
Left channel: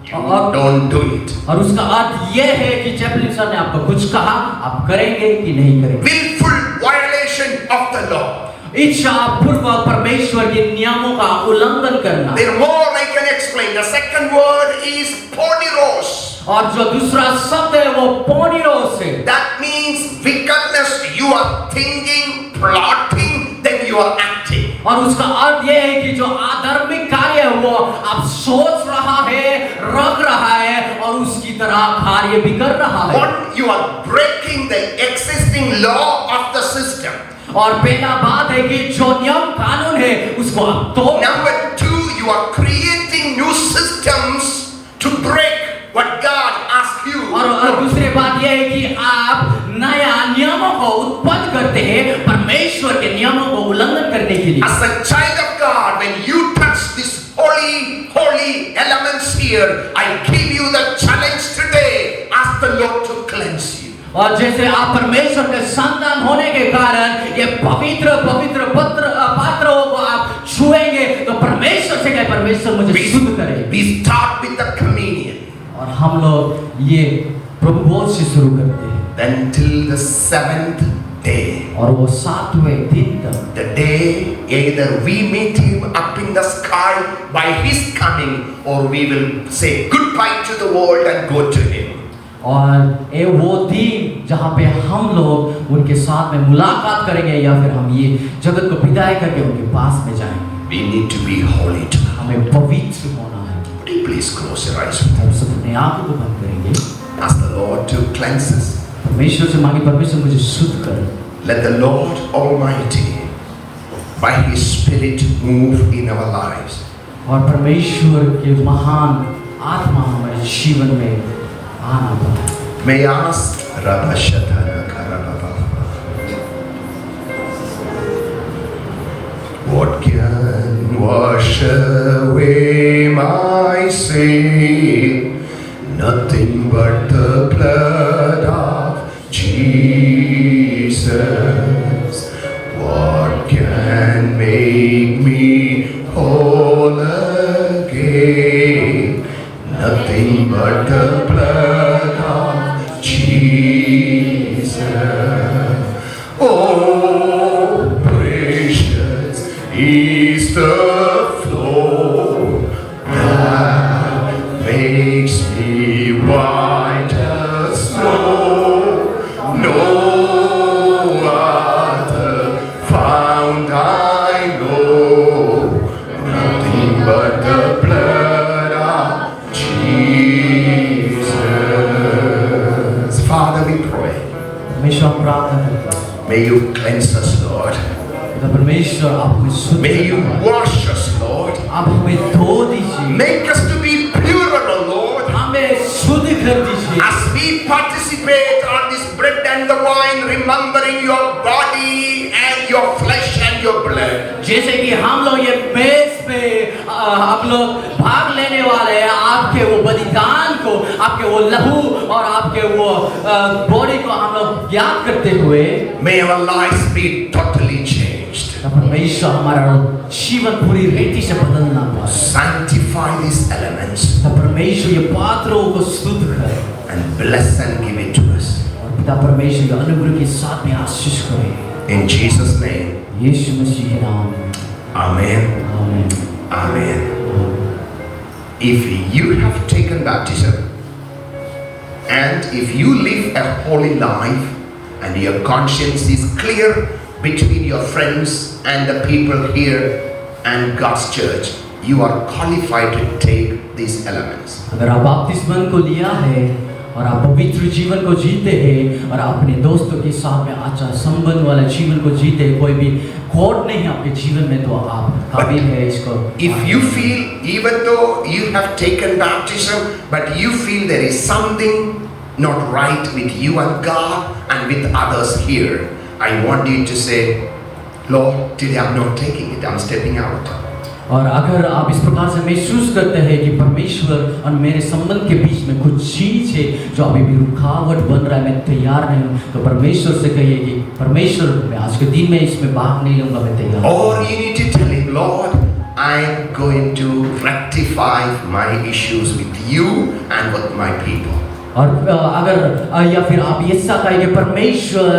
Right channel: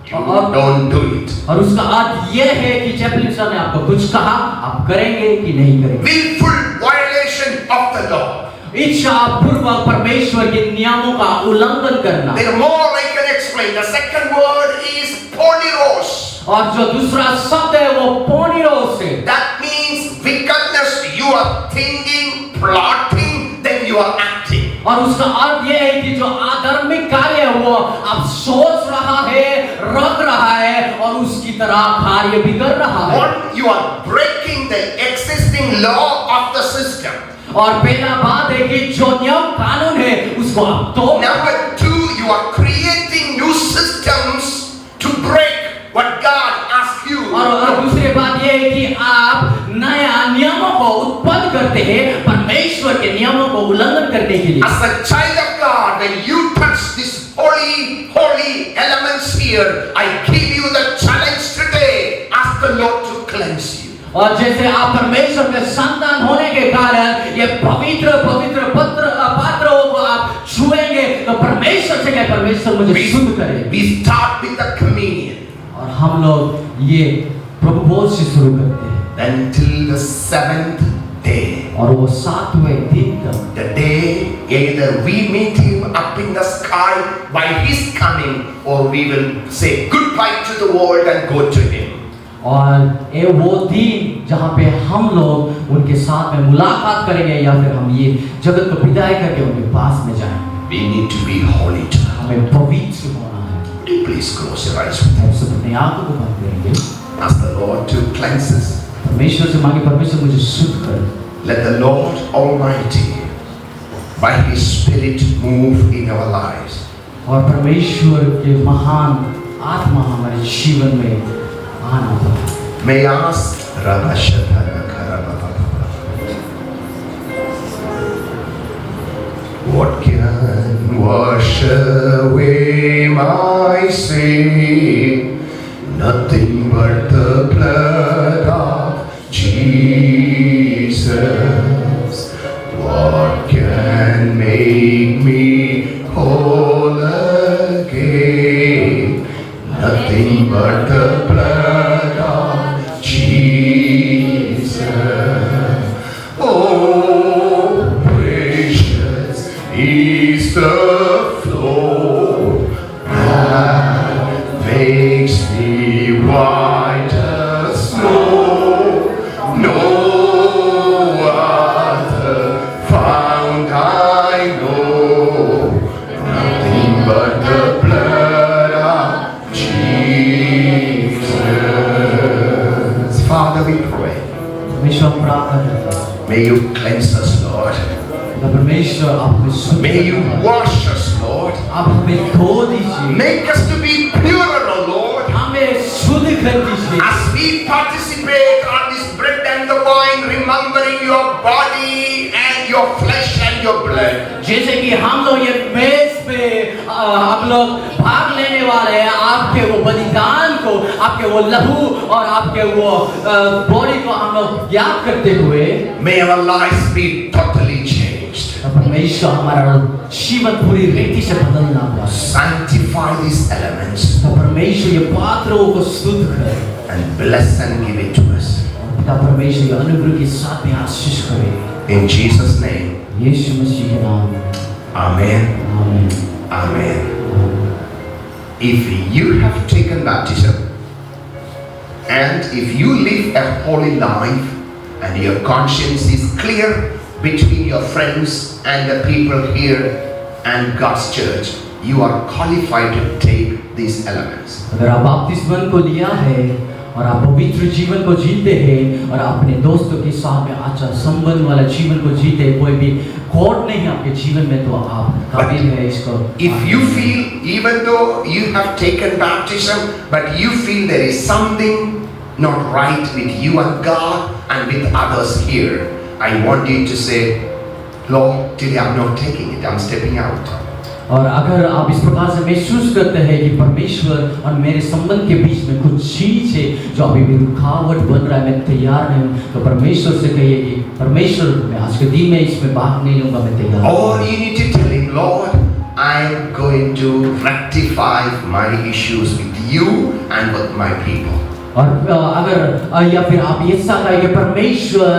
you don't do it. और उसका अर्थ ये है कि चैपलिन सर ने आपको कुछ कहा, आप करेंगे कि नहीं करेंगे। Willful violation of the law. इच्छा पूर्वक परमेश्वर के नियमों का उल्लंघन करना। There more I can explain. The second word is poniros. और जो दूसरा शब्द है वो पोनिरोस है। That means wickedness. You are thinking, plotting, then you are acting. और उसका अर्थ ये है कि जो अधार्मिक कार्य है वो आप सोच रहा है, रख रहा है और उसकी तरह कार्य भी कर रहा है। What you are breaking the existing law of the system. और पहला बात है कि जो नियम कानून है उसको आप तोड़। Number 2, you are creating new systems to break what God asked you. और दूसरी बात ये है कि आप नया नियमों को उत्पन्न करते हैं परमेश्वर के नियमों को उल्लंघन करने के लिए। As a child of God, when you touch these holy elements here, I give you the challenge today. Ask the Lord to cleanse you. और जैसे आप परमेश्वर के संतान होने के कारण ये पवित्र पात्रों को आप छुएंगे तो परमेश्वर से कहे परमेश्वर मुझे शुद्ध करे। We start with the communion. और हम लोग ये प्रभु भोज से शुरू करते हैं। Then till the 7th day. और वो 7वें दिन तक, The day Either we meet him up in the sky by his coming, or we will say goodbye to the world and go to him. और ये वो दिन जहाँ पे हम लोग उनके साथ में मुलाकात करेंगे या फिर हम ये जगत को विदाई करके उनके पास में जाएंगे। We need to be holy tonight. हमें पवित्र होना है। Would you please close your eyes with हम सब अपने आँखों को बंद करेंगे। us? Ask the Lord to cleanse us. परमेश्वर से मांगे, परमेश्वर मुझे शुद्ध कर। Let the Lord Almighty, by His Spirit, move in our lives. और परमेश्वर के महान आत्मा हमारे जीवन में आना पाए। May I ask Radha Shadhana Karababa. What can wash away my sin? Nothing but the blood of Jesus. What can make me whole again? Nothing but the blood of Jesus. Oh, precious is the flow that makes me white as snow. No other found I know. Nothing but the blood of Jesus. Father, we pray. परमेश्वर प्रार्थना करता है। May you cleanse us, Lord. परमेश्वर आप हमें शुद्ध May you करें। wash us, Lord. आप हमें धो दीजिए। Make us to be pure, O Lord. हमें शुद्ध कर दीजिए। As we participate on this bread and the wine, remembering your body and your flesh and your blood. जैसे कि हम लोग ये मेज पे हम लोग भाग लेने वाले हैं, आपके वो बलिदान को, आपके वो लहू और आपके वो बॉडी को हम लोग याद करते हुए, May our lives be totally changed. परमेश्वर हमारा जीवन पूरी रीति से बदलना पाए। Sanctify these elements तो परमेश्वर ये पात्रों को शुद्ध करे and bless and give it to us. पिता परमेश्वर ये अनुग्रह के साथ में आशीष करे। In Jesus' name, यीशु मसीह के नाम में। Amen. आमीन। Amen. If you have taken baptism and if you live a holy life and your conscience is clear between your friends and the people here and God's church, you are qualified to take these elements. अगर आप बपतिस्मन को लिया है और आप पवित्र जीवन को जीते हैं और अपने दोस्तों के साथ में अच्छा संबंध वाला जीवन को जीते हैं, कोई भी खोट नहीं है आपके जीवन में, तो आप काबिल है इसको। If you feel, even though you have taken baptism, but you feel there is something not right with you and God and with others here, I want you to say, Lord, today I'm not taking it, I'm stepping out. और अगर आप इस प्रकार से महसूस करते हैं कि परमेश्वर और मेरे संबंध के बीच में कुछ चीज है जो अभी भी रुकावट बन रहा है, मैं तैयार नहीं हूँ, तो परमेश्वर से कहिए कि परमेश्वर, मैं आज के दिन में इसमें भाग नहीं लूंगा, मैं तैयार हूँ। Or you need to tell him, Lord, I'm going to rectify my issues with you and with my people. और अगर या फिर आप ये सब कहेंगे, परमेश्वर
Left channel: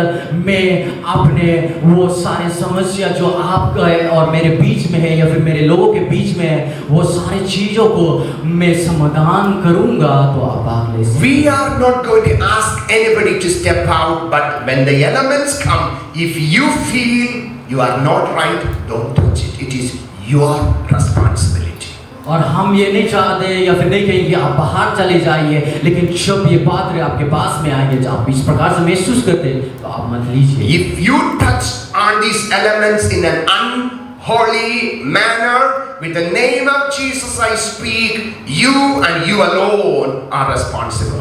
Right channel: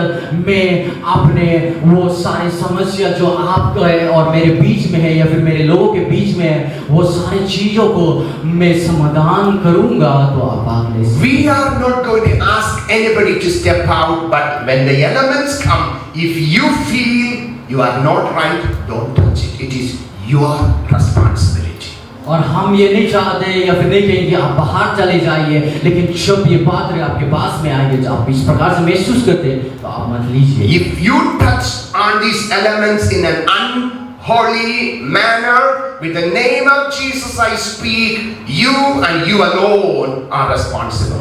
मैं अपने वो सारे समस्या जो आपका है और मेरे बीच में है या फिर मेरे लोगों के बीच में है, वो सारी चीजों को मैं समाधान करूंगा, तो आप भाग ले सकते। We are not going to ask anybody to step out, but when the elements come, if you feel you are not right, don't touch it. It is your responsibility. और हम ये नहीं चाहते या फिर नहीं कहेंगे आप बाहर चले जाइए, लेकिन जब ये पात्र आपके पास में आएंगे, जब आप इस प्रकार से महसूस करते हैं, तो आप मत लीजिए। If you touch on these elements in an unholy manner, with the name of Jesus I speak, you and you alone are responsible.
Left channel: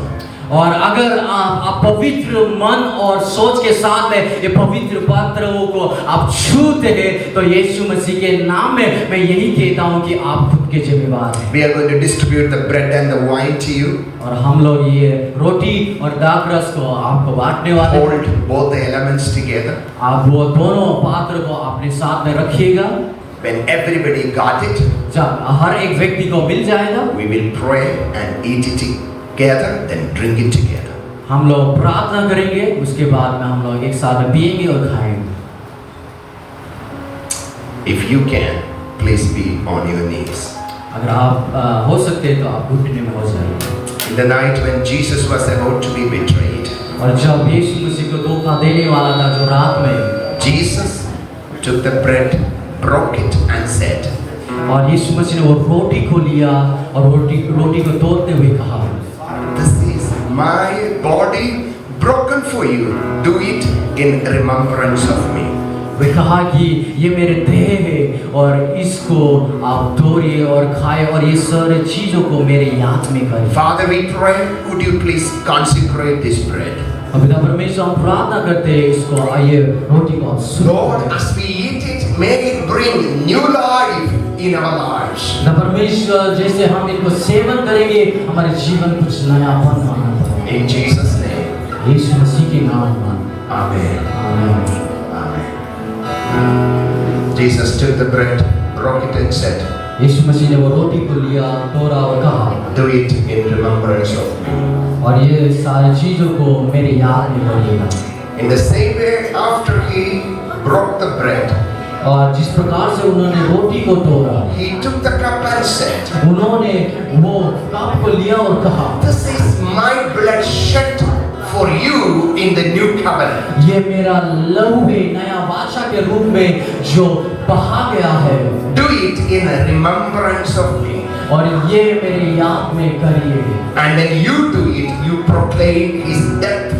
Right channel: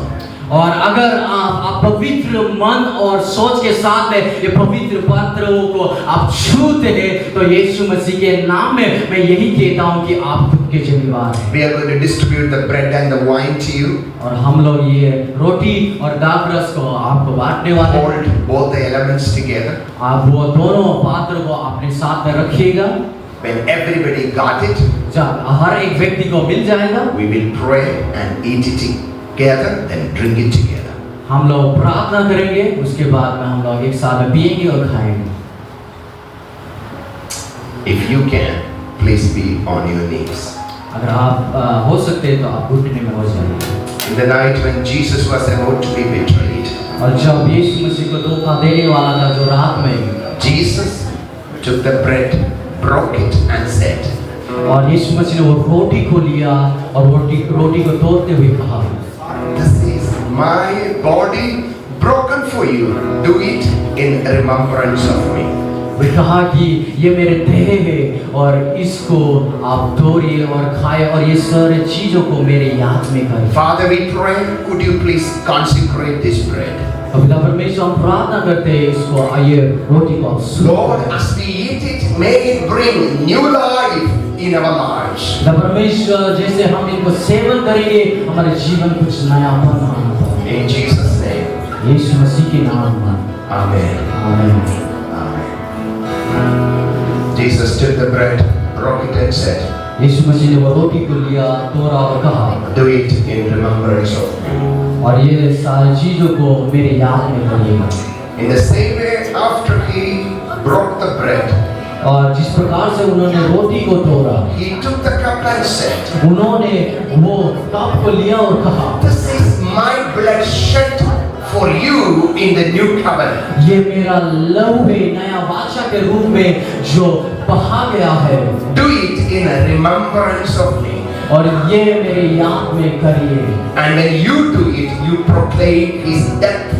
और अगर आप पवित्र मन और सोच के साथ में ये पवित्र पात्रों को आप छूते हैं, तो यीशु मसीह के नाम में मैं यही कहता हूँ कि आप खुद के जिम्मेवार हैं। We are going to distribute the bread and the wine to you. और हम लोग ये रोटी और दाखरस को आपको बांटने वाले हैं। Hold both the elements together. आप वो दोनों पात्र को अपने साथ में रखिएगा। When everybody got it, जब हर एक व्यक्ति को मिल जाएगा, we will pray and eat it together, then drink it together. हम लोग प्रार्थना करेंगे, उसके बाद में हम लोग एक साथ में पिएंगे और खाएंगे। If you can, please be on your knees. अगर आप हो सकते हैं तो आप घुटने में हो जाइए। In the night when Jesus was about to be betrayed, और जब यीशु मसीह को धोखा देने वाला था जो रात में, Jesus took the bread, broke it, and said, और यीशु मसीह ने वो रोटी को लिया और रोटी को तोड़ते हुए कहा, "This is my body broken for you. Do it in remembrance of me." वे कहा कि ये मेरे देह है और इसको आप तोड़िए और खाए और ये सारे चीजों को मेरे याद में करें। Father, we pray, would you please consecrate this bread? तो पिता परमेश्वर हम प्रार्थना करते हैं इसको आइए रोटी को आप शुद्ध Lord, करें। as we eat it, may it bring new life in our lives. पिता परमेश्वर जैसे हम इनको सेवन करेंगे हमारे जीवन कुछ नया बना। In Jesus' name, यीशु मसीह के नाम में Amen. आमीन। Jesus took the bread, broke it, and said, यीशु मसीह ने वो रोटी को लिया, तोड़ा और कहा, "Do it in remembrance of me." और ये सारी चीजों को मेरे याद में करिएगा। In the same way, after he broke the bread, और जिस प्रकार से उन्होंने रोटी को तोड़ा, he took the cup and said, उन्होंने वो कप को लिया और कहा, "This is my blood shed for you in the new covenant. ये मेरा लहू है नया वाचा के रूप में जो बहा गया है, Do it in remembrance of me." और ये मेरे याद में करिए। And when you do it, you proclaim his death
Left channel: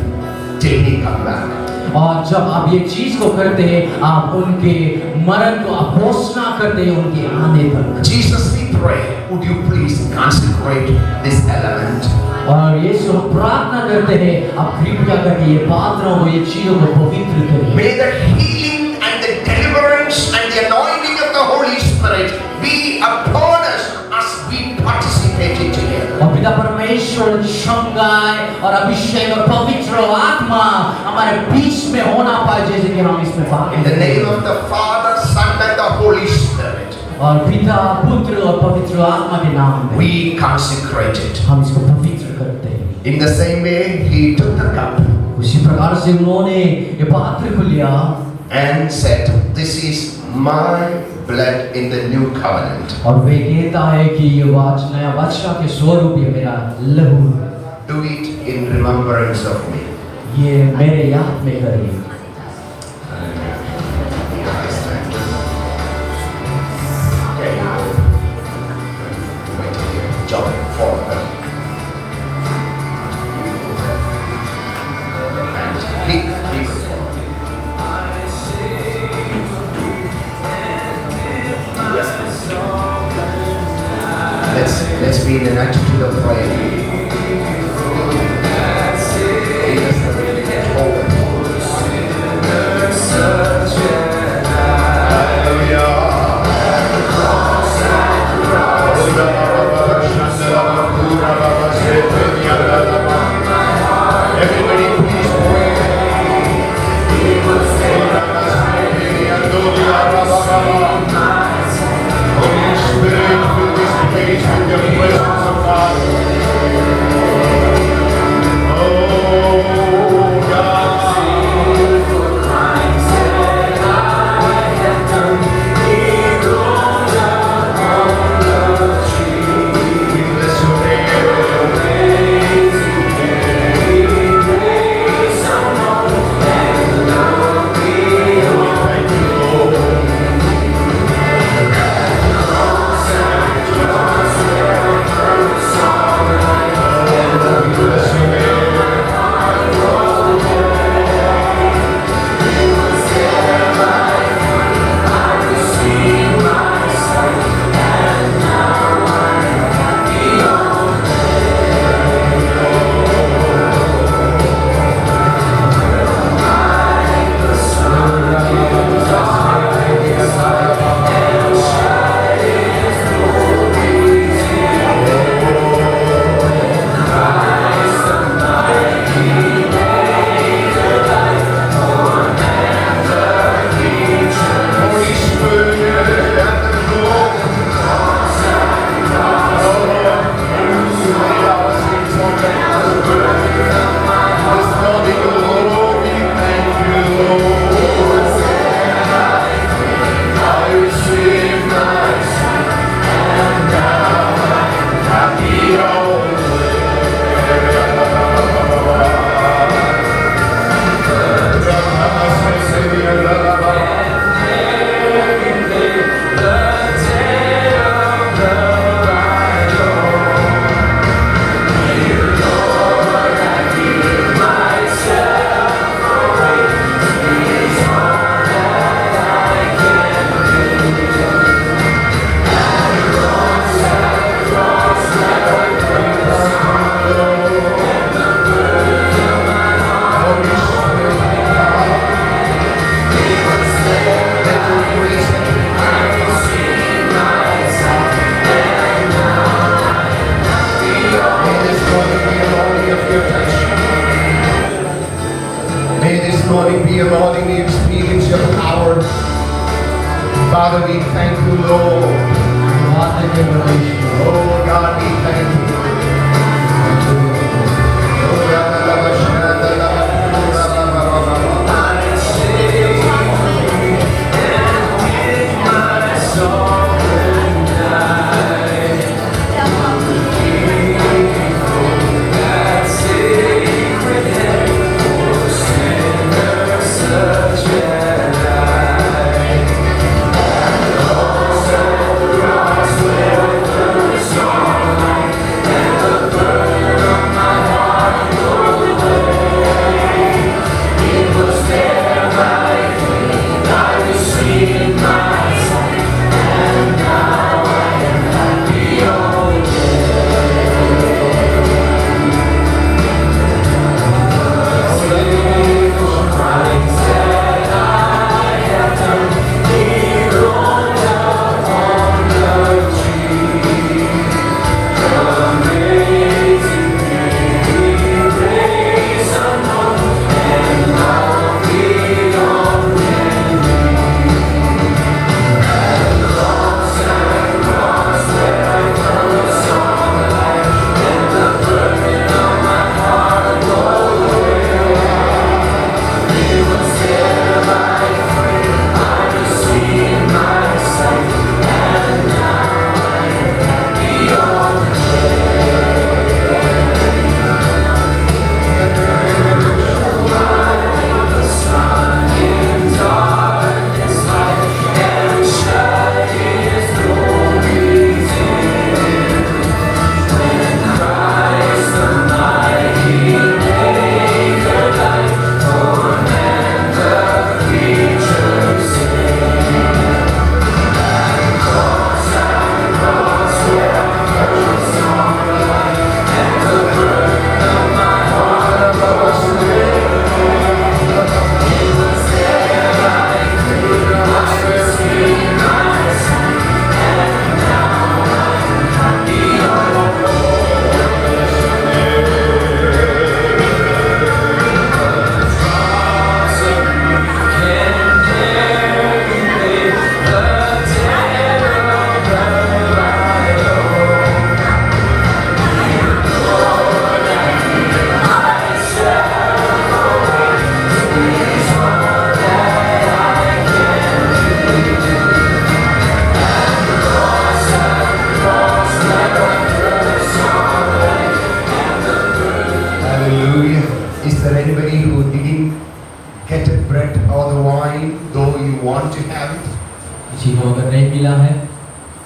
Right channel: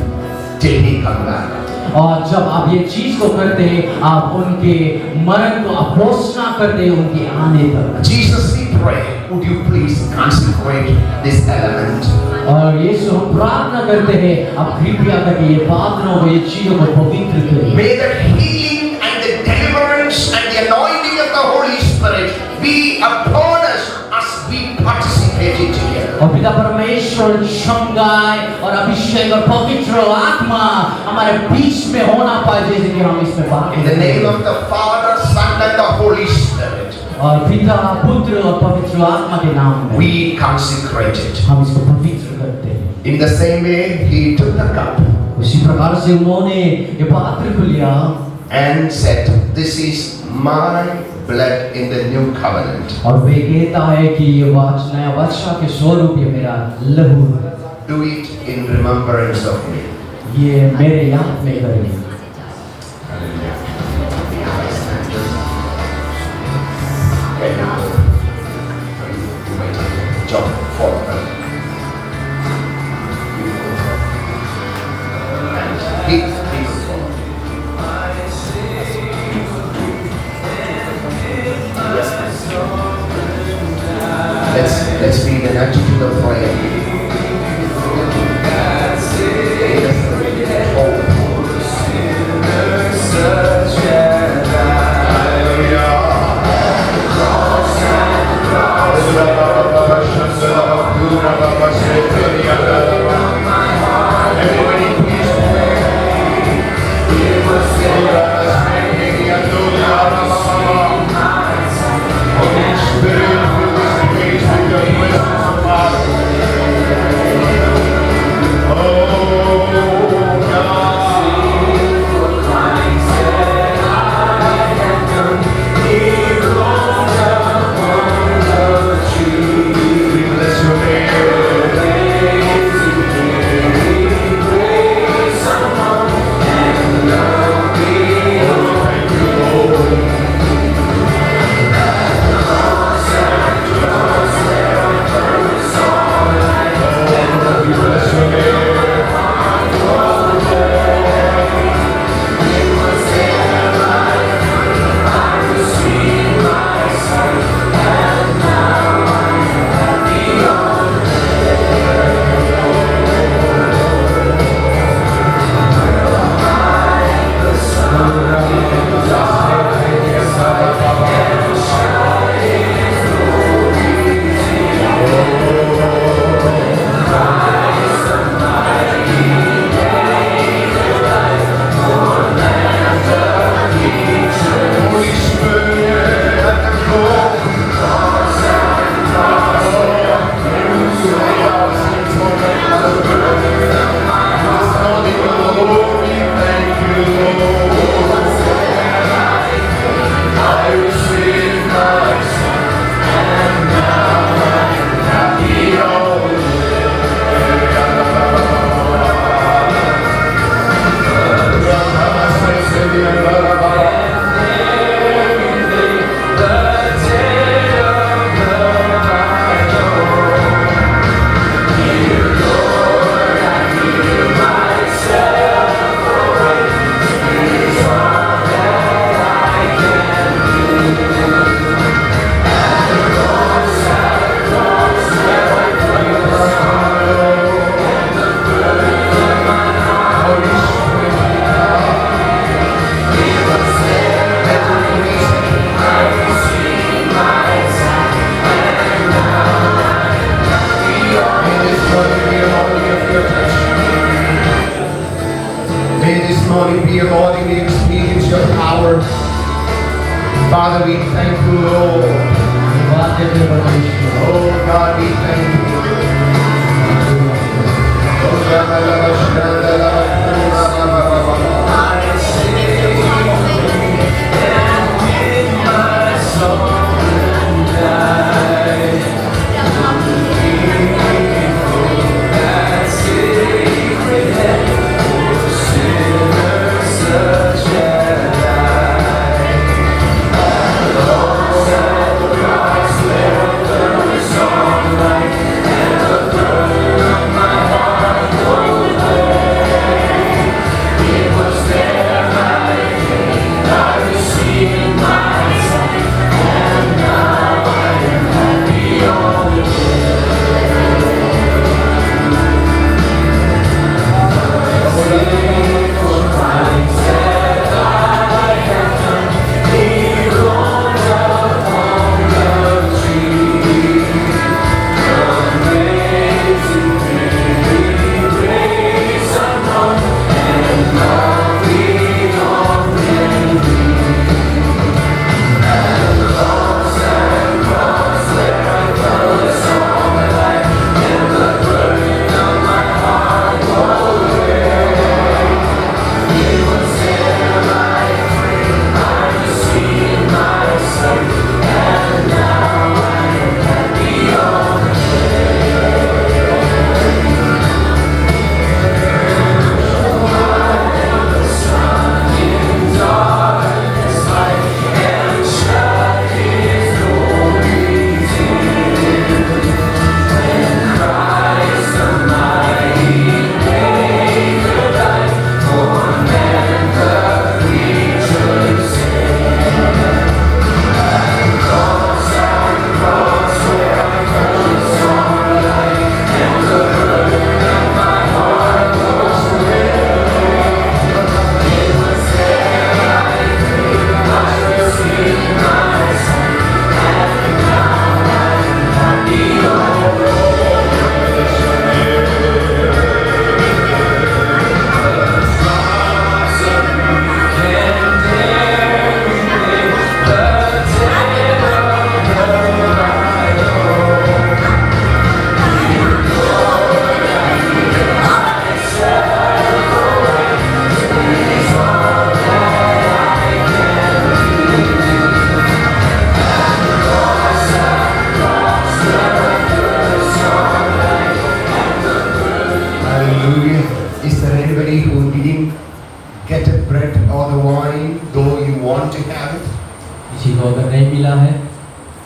till he come back. और जब आप ये चीज को करते हैं आप उनके मरण को आप घोषणा करते हैं उनके आने तक। Jesus, we pray, would you please consecrate this element? और यीशु हम प्रार्थना करते हैं आप कृपया करके ये पात्रों को ये चीजों को पवित्र करिए। May the healing and the deliverance and the anointing of the Holy Spirit be upon us as we participate in together. और पिता परमेश्वर संगाय और अभिषेक और पवित्र आत्मा हमारे बीच में होना पाए जैसे कि हम इसमें भाग In the name of the Father, Son, and the Holy Spirit, और पिता पुत्र और पवित्र आत्मा के नाम में we consecrate it. हम इसको पवित्र करते हैं। In the same way, he took the cup उसी प्रकार से उन्होंने ये पात्र को लिया and said, "This is my blood in the new covenant. और वे कहता है कि ये नया वचन के स्वरूप ये मेरा लहू है। Do it in remembrance of me." ये मेरे याद में करिए। Okay. You may take it. Jump forward. And please follow. Yes, please. Let's be in an attitude of prayer. Everybody, please pray. Holy Spirit, fill this place with your presence, Father. Father, we thank you, Lord. Oh God, we thank you.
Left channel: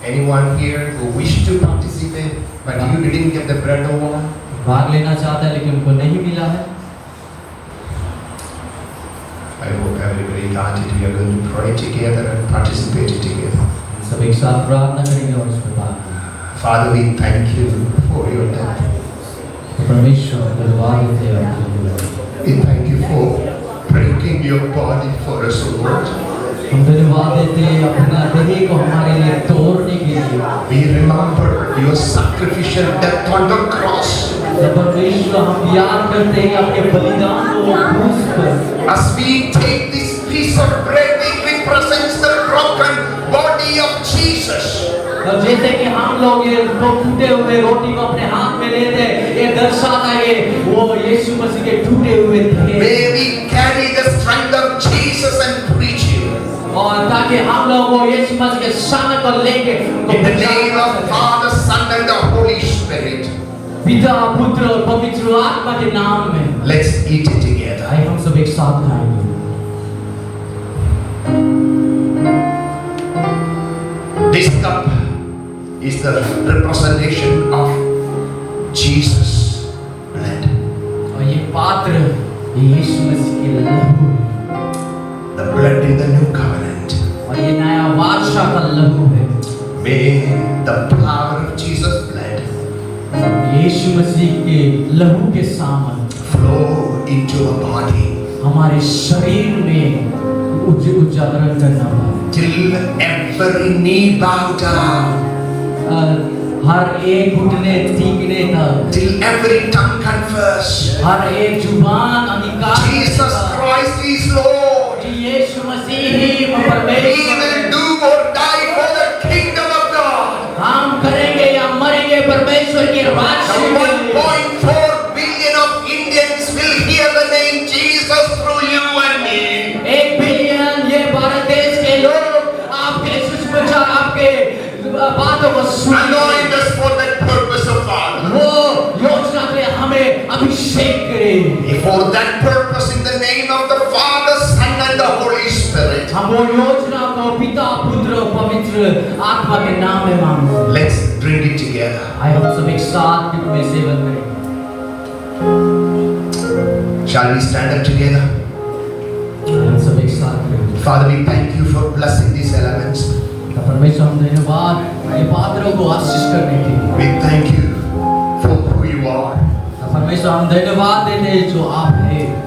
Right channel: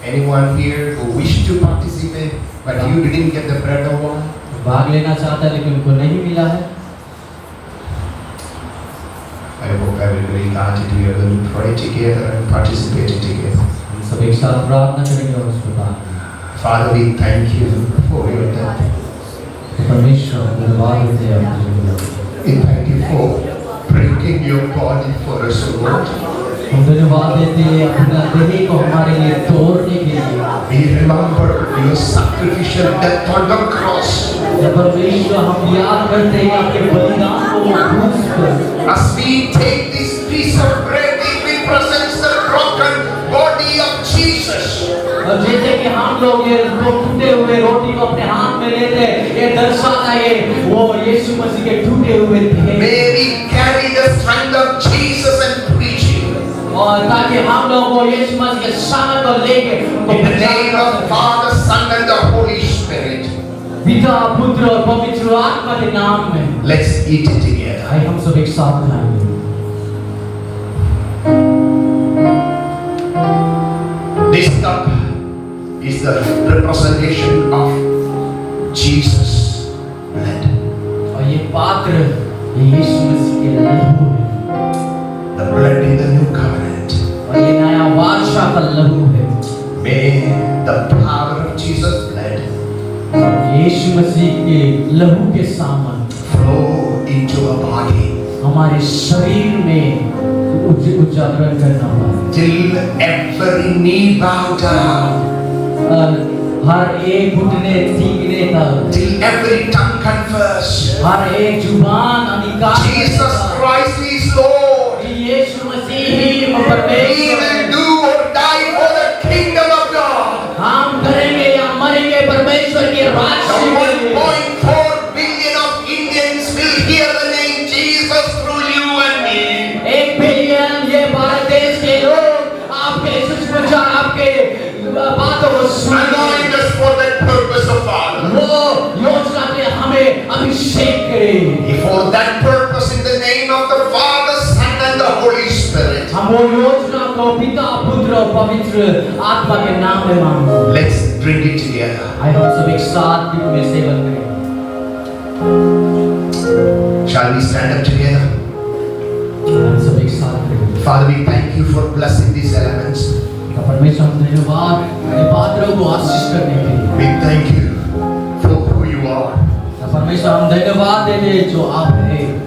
Anyone here who wished to participate, but you didn't get the bread or wine? भाग लेना चाहता है लेकिन उनको नहीं मिला है. I hope everybody got it. We are going to pray together and participate together. हम सब एक साथ प्रार्थना करेंगे और उसको दान देंगे. Father, we thank you for your death. परमेश्वर धन्यवाद देते हैं आपको. We thank you for breaking your body for us, O Lord. हम धन्यवाद देते हैं अपना देह को हमारे लिए तोड़ने के लिए. We remember your sacrificial death on the cross. जब परमेश्वर हम याद करते हैं अपने बलिदान को क्रूस पर. As we take this piece of bread, it represents the broken body of Jesus. और जैसे कि हम लोग ये टूटे हुए रोटी को अपने हाथ में लेते हैं, ये दर्शाता है वो यीशु मसीह के टूटे हुए देह. May we carry the strength of Jesus and preach you. और ताकि हम लोग वो यीशु मसीह के सामर्थ को लेके In the name of Father, Son, and the Holy Spirit. पिता पुत्र और पवित्र आत्मा के नाम में. Let's eat it together. आइए हम सब एक साथ खाएंगे. This cup is the representation of Jesus' blood. और ये पात्र यीशु मसीह के लहू है. The blood in the new covenant. और ये नया वाचा का लहू है. May the power of Jesus' blood यीशु मसीह के लहू के सामर्थ flow into our body हमारे शरीर में उजागर करना पाए. till every knee bow down, हर एक घुटने टीकने तक, till every tongue confess हर एक जुबान अंगीकार Jesus Christ is Lord. कि यीशु मसीह ही He परमेश्वर will है. do or वो योजना को पिता पुत्र और पवित्र आत्मा के नाम में मांगो। Let's drink it together. आइए हम सब एक साथ में सेवन करें। Shall we stand up together? हम सब एक साथ करें। Father, we thank you for blessing these elements. परमेश्वर हम धन्यवाद ये पात्रों को आशीष करने के लिए। We thank you for who you are. परमेश्वर हम धन्यवाद देते हैं जो आप हैं।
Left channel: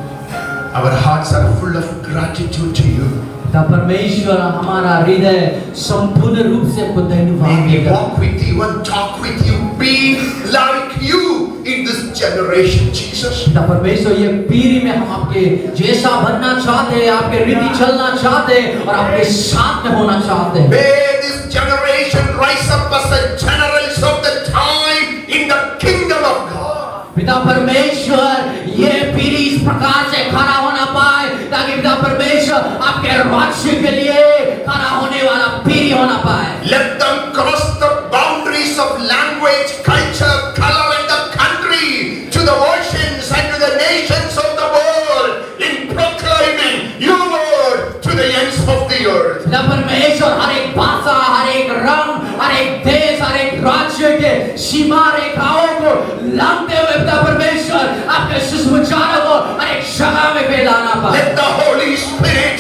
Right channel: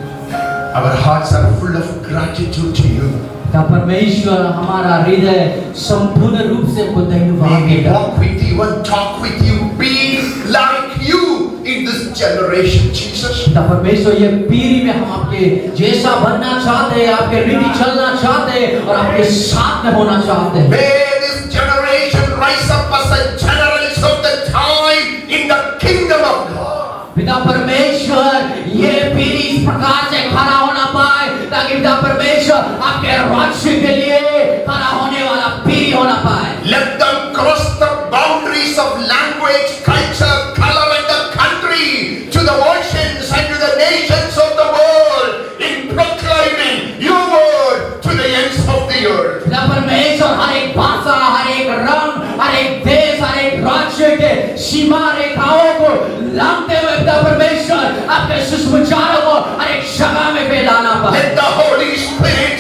Our hearts are full of gratitude to you. परमेश्वर हमारा हृदय संपूर्ण रूप से आपको धन्यवाद May we देता है। walk with you and talk with you, be like you in this generation, Jesus. परमेश्वर ये पीढ़ी में हम आपके जैसा बनना चाहते हैं, आपके रीति चलना चाहते हैं और आपके साथ में होना चाहते हैं। May this generation rise up as the generals of the time in the kingdom of God. पिता परमेश्वर ये पीढ़ी इस प्रकार से खड़ा होना पाए ताकि पिता परमेश्वर आपके राज्य के लिए खड़ा होने वाला पीढ़ी होना पाए। Let them cross the boundaries of language, culture, color and the country to the oceans and to the nations of the world in proclaiming your word to the ends of the earth. पिता परमेश्वर हर एक भाषा, हर एक रंग, हर एक देश, हर एक राज्य के सीमा रेखाओं को लांघते हुए पिता परमेश्वर आपके सुसमाचारों को हर एक जगह में फैलाना पाए। Let the Holy Spirit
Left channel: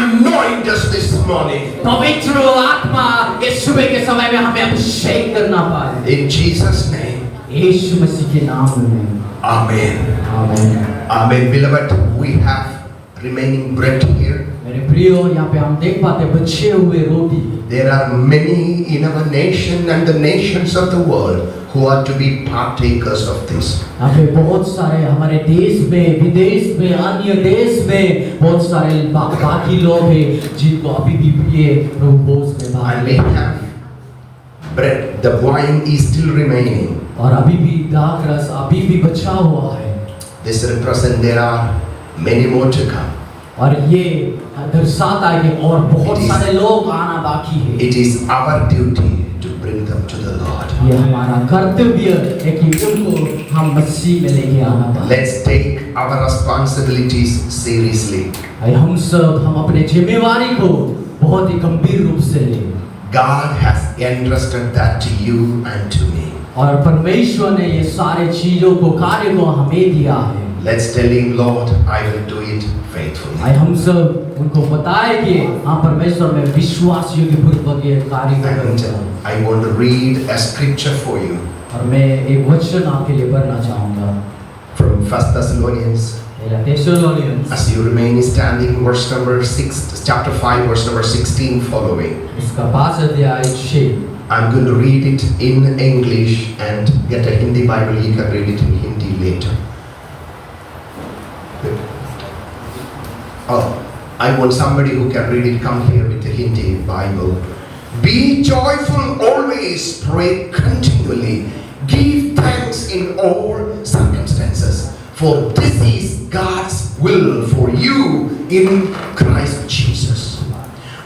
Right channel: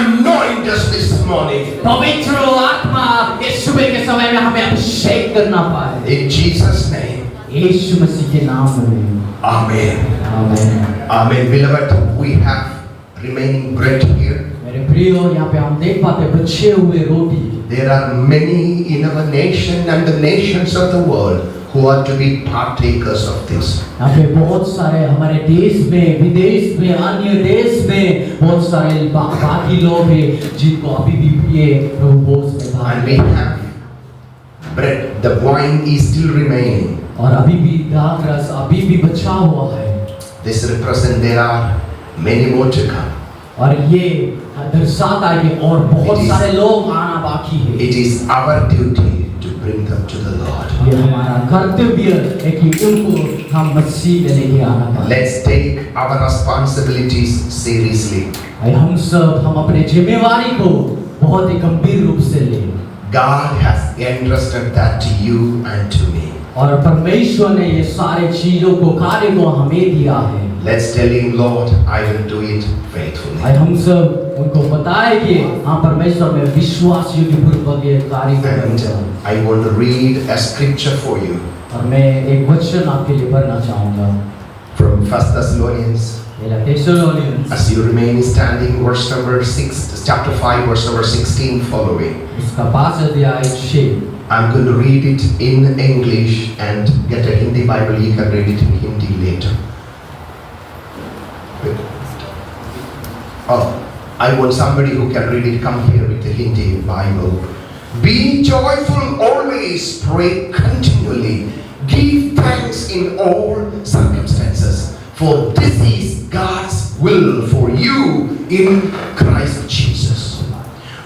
anoint us this morning. पवित्र आत्मा इस सुबह के समय में हमें अभिषेक करना पाए। In Jesus' name. यीशु मसीह के नाम में। Amen. आमीन। Amen. Beloved, we have remaining bread here. मेरे प्रियो यहाँ पे हम देख पाते हैं बचे हुए रोटी। There are many in our nation and the nations of the world who are to be partakers of this. यहाँ पे बहुत सारे हमारे देश में, विदेश में, अन्य देश में बहुत सारे बाकी लोग हैं जिनको अभी भी ये प्रभु भोज में भाग And we have bread. The wine is still remaining. और अभी भी दाग रस अभी भी बचा हुआ है। This represents there are many more to come. और ये दर्शाता है कि और बहुत It is- सारे लोग आना बाकी है। It is our duty to bring them to the Lord. ये हमारा कर्तव्य है कि उनको हम मसीह में लेके आना पाए। Let's take our responsibilities seriously. हम सब हम अपने जिम्मेवारी को बहुत ही गंभीर रूप से लें। God has entrusted that to you and to me. और परमेश्वर ने ये सारे चीजों को कार्य को हमें दिया है। Let's tell him, Lord, I will do it faithfully. आज हम सब उनको बताए कि हाँ परमेश्वर में विश्वास योग्य पूर्वक ये कार्य And करेंगे। I want to read a scripture for you और मैं एक वचन आपके लिए पढ़ना चाहूँगा। from 1 Thessalonians. मेरा Thessalonians As you remain standing, verse number 6, chapter 5, verse number 16 following. उसका 5 अध्याय 6। I'm going to read it in English and get a Hindi Bible. You can read it in Hindi later. Oh, I want somebody who can read it. Come here with the Hindi Bible. Be joyful always, pray continually, give thanks in all circumstances, for this is God's will for you in Christ Jesus.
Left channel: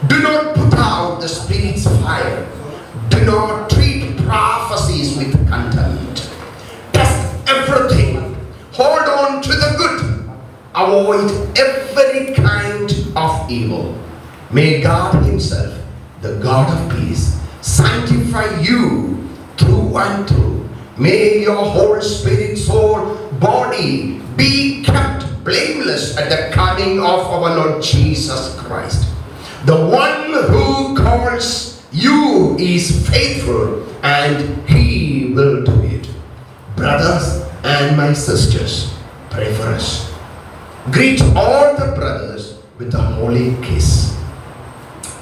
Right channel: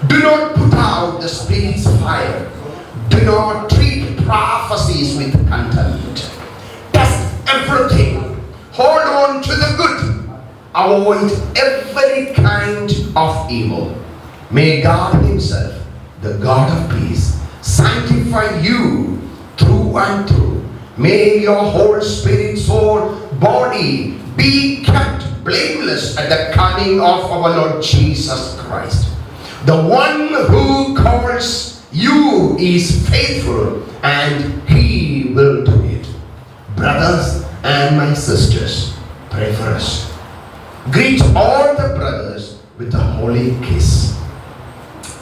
Do not put out the Spirit's fire. Do not treat prophecies with contempt. Test everything. Hold on to the good. Avoid every kind of evil. May God Himself, the God of peace, sanctify you through and through. May your whole spirit, soul, body be kept blameless at the coming of our Lord Jesus Christ. The one who calls you is faithful and He will do it. Brothers and my sisters, pray for us. Greet all the brothers with a holy kiss.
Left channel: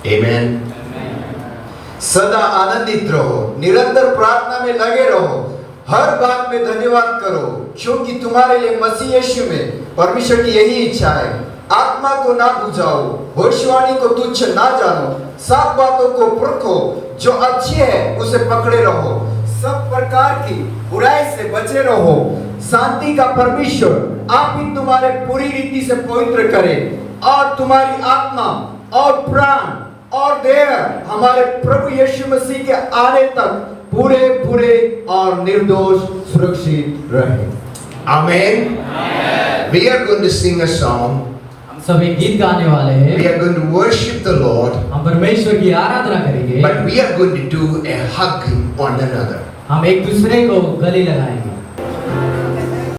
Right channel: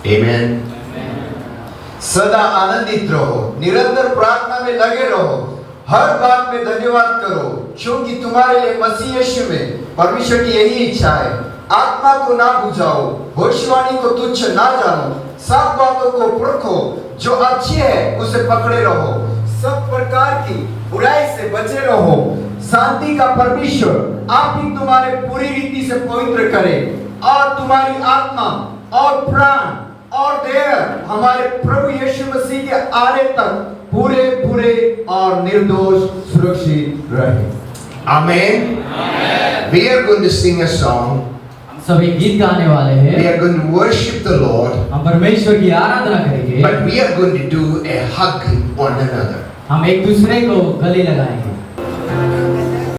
Amen. सदा आनंदित रहो, निरंतर प्रार्थना में लगे रहो, हर बात में धन्यवाद करो, क्योंकि तुम्हारे लिए मसीह यीशु में परमेश्वर की यही इच्छा है। आत्मा को ना बुझाओ, भविष्यवाणी को तुच्छ ना जानो, सब बातों को परखो, जो अच्छी है उसे पकड़े रहो, सब प्रकार की बुराई से बचे रहो। शांति का परमेश्वर आप ही तुम्हारे पूरी रीति से पवित्र करे और तुम्हारी आत्मा और प्राण और देह हमारे प्रभु यीशु मसीह के आने तक पूरे पूरे और निर्दोष सुरक्षित रहे। Amen. We are going to sing a song. हम सब एक गीत गाने वाले We हैं। are going to worship the Lord, हम परमेश्वर की आराधना करेंगे। but we are going to do a hug one another. हम एक दूसरे को गले लगाएंगे।